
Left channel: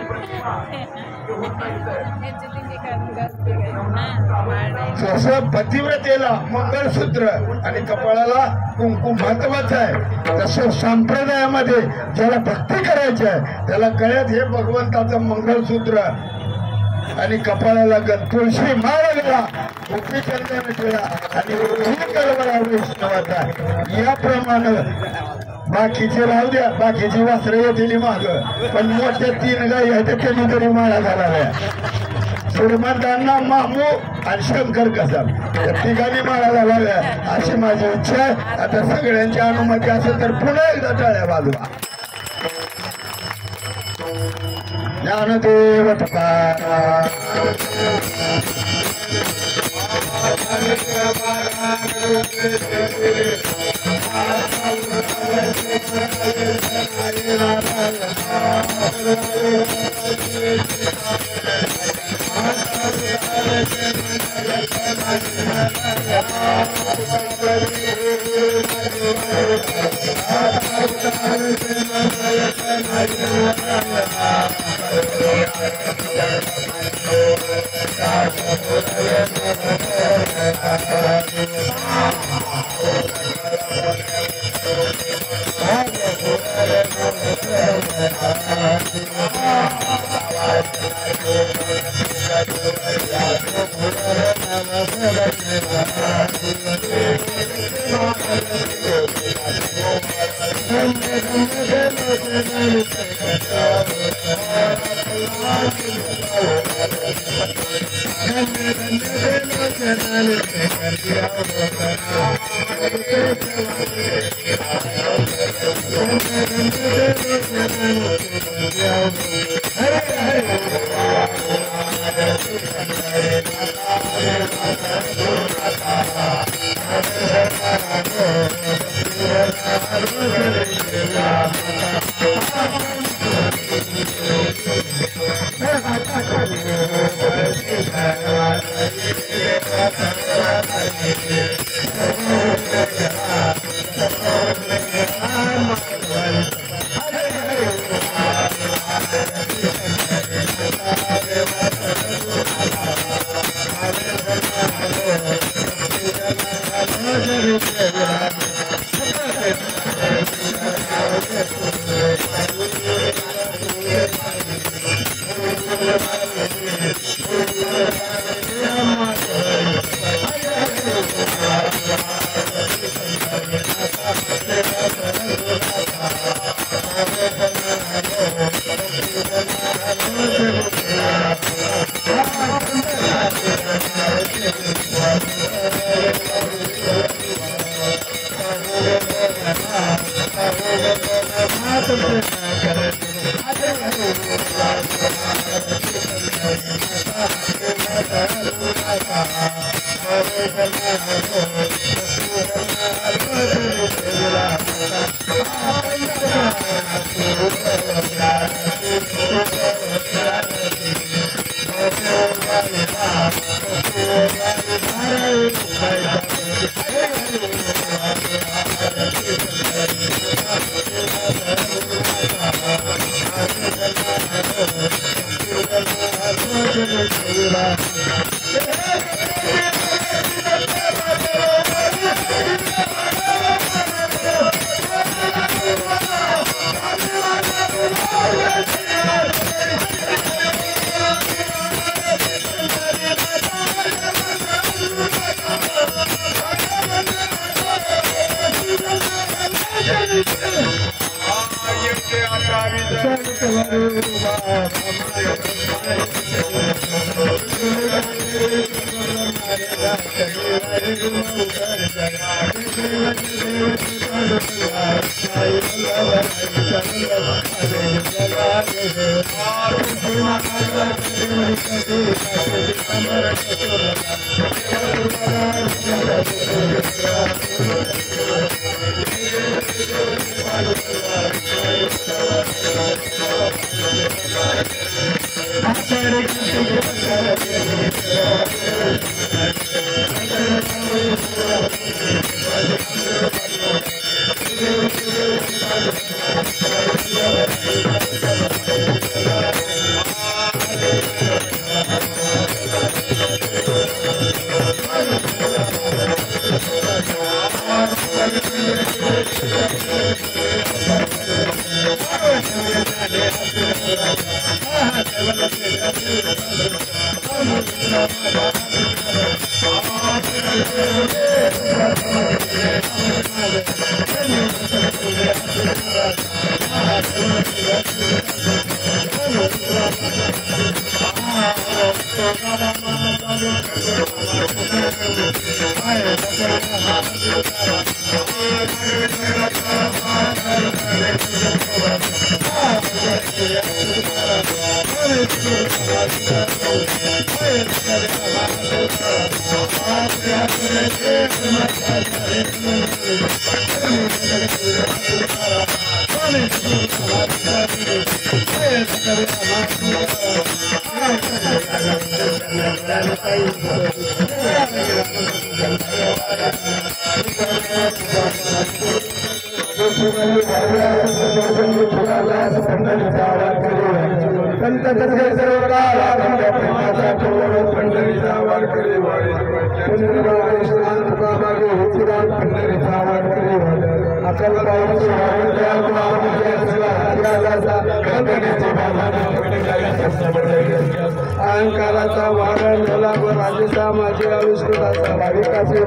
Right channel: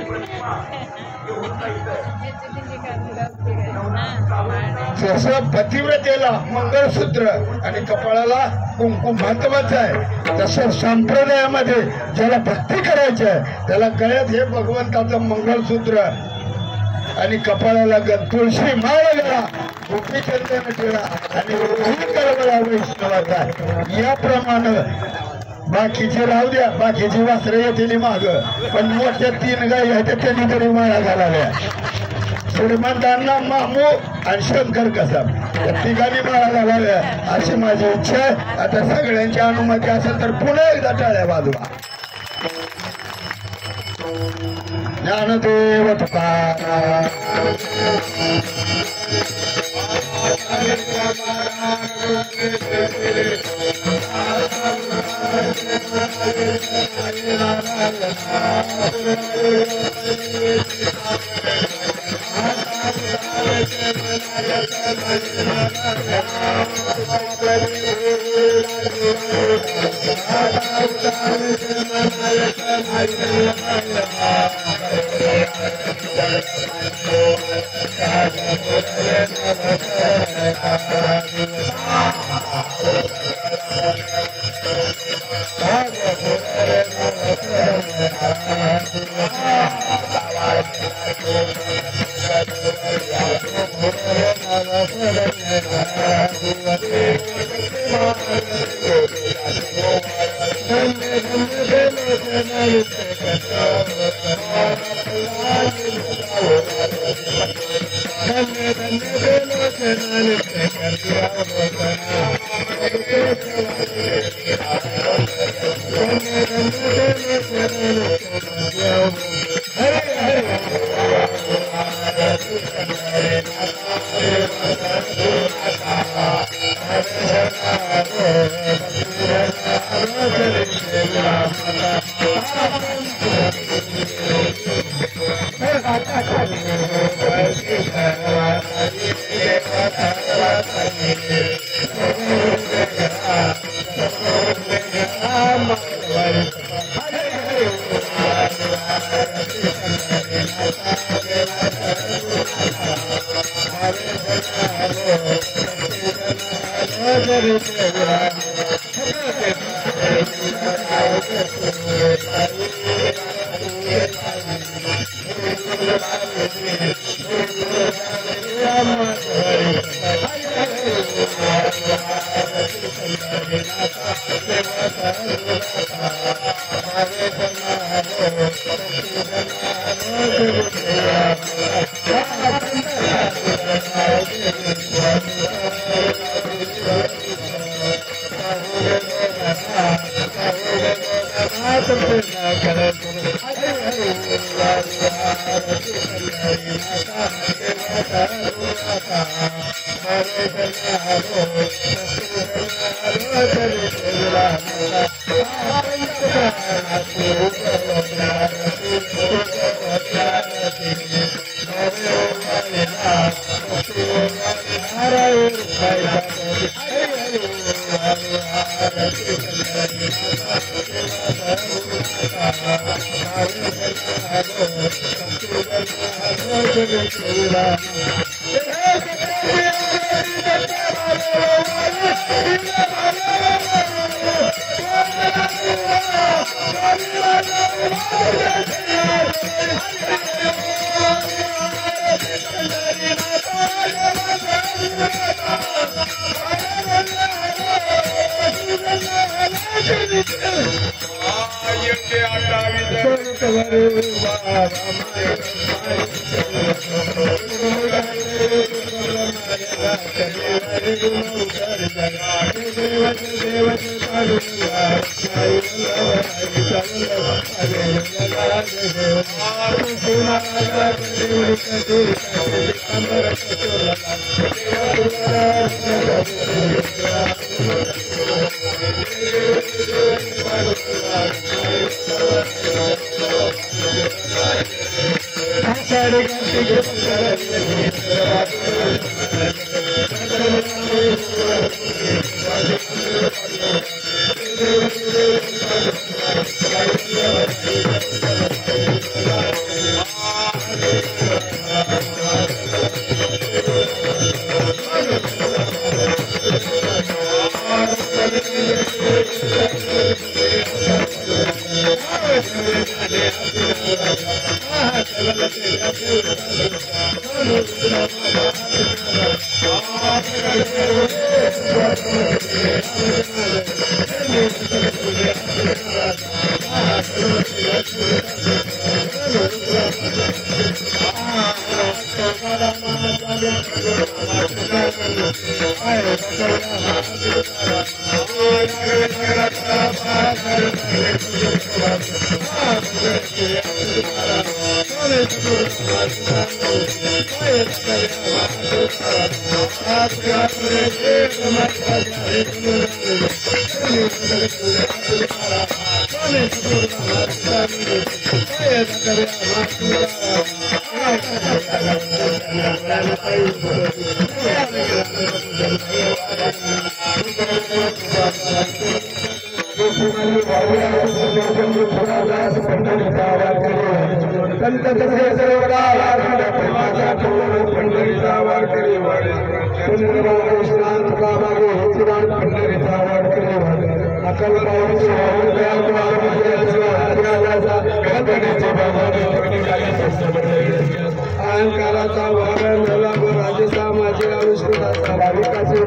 जसं पतिव्रतेला मंगळसूत्र आणि कपाळाला कुंकू महत्वाचं आहे, तसं संप्रदायामध्ये ज्याला भक्ती करायची आहे त्याला कळत हे भगवंताचं मंगळसूत्र आणि कपाळाला तुळशी माळ गेला, गोपीचंदन टिळा आणि करवळा वैष्णवाचा. याप्रमाणे बाकीचे राहू द्या, बाकीची वासरं येतील माग, पण मोठ्या 3 गायी आहेत त्यांनी तरी माळा घालाव्या. श्रीमंतांना मामू आणि शंकर कसाब या ठिकाणी माळा घालाव्या अशी माझी इच्छा आहे. आता सगळ्यांची अनुमती असेल तर पुन्हा एकदा टाळ्या वाजवा. ज्ञानदेव तुकाराम. अहंकाराचा वारा मेला व राजसा माझे अनुष्ठाचा भाविकाचे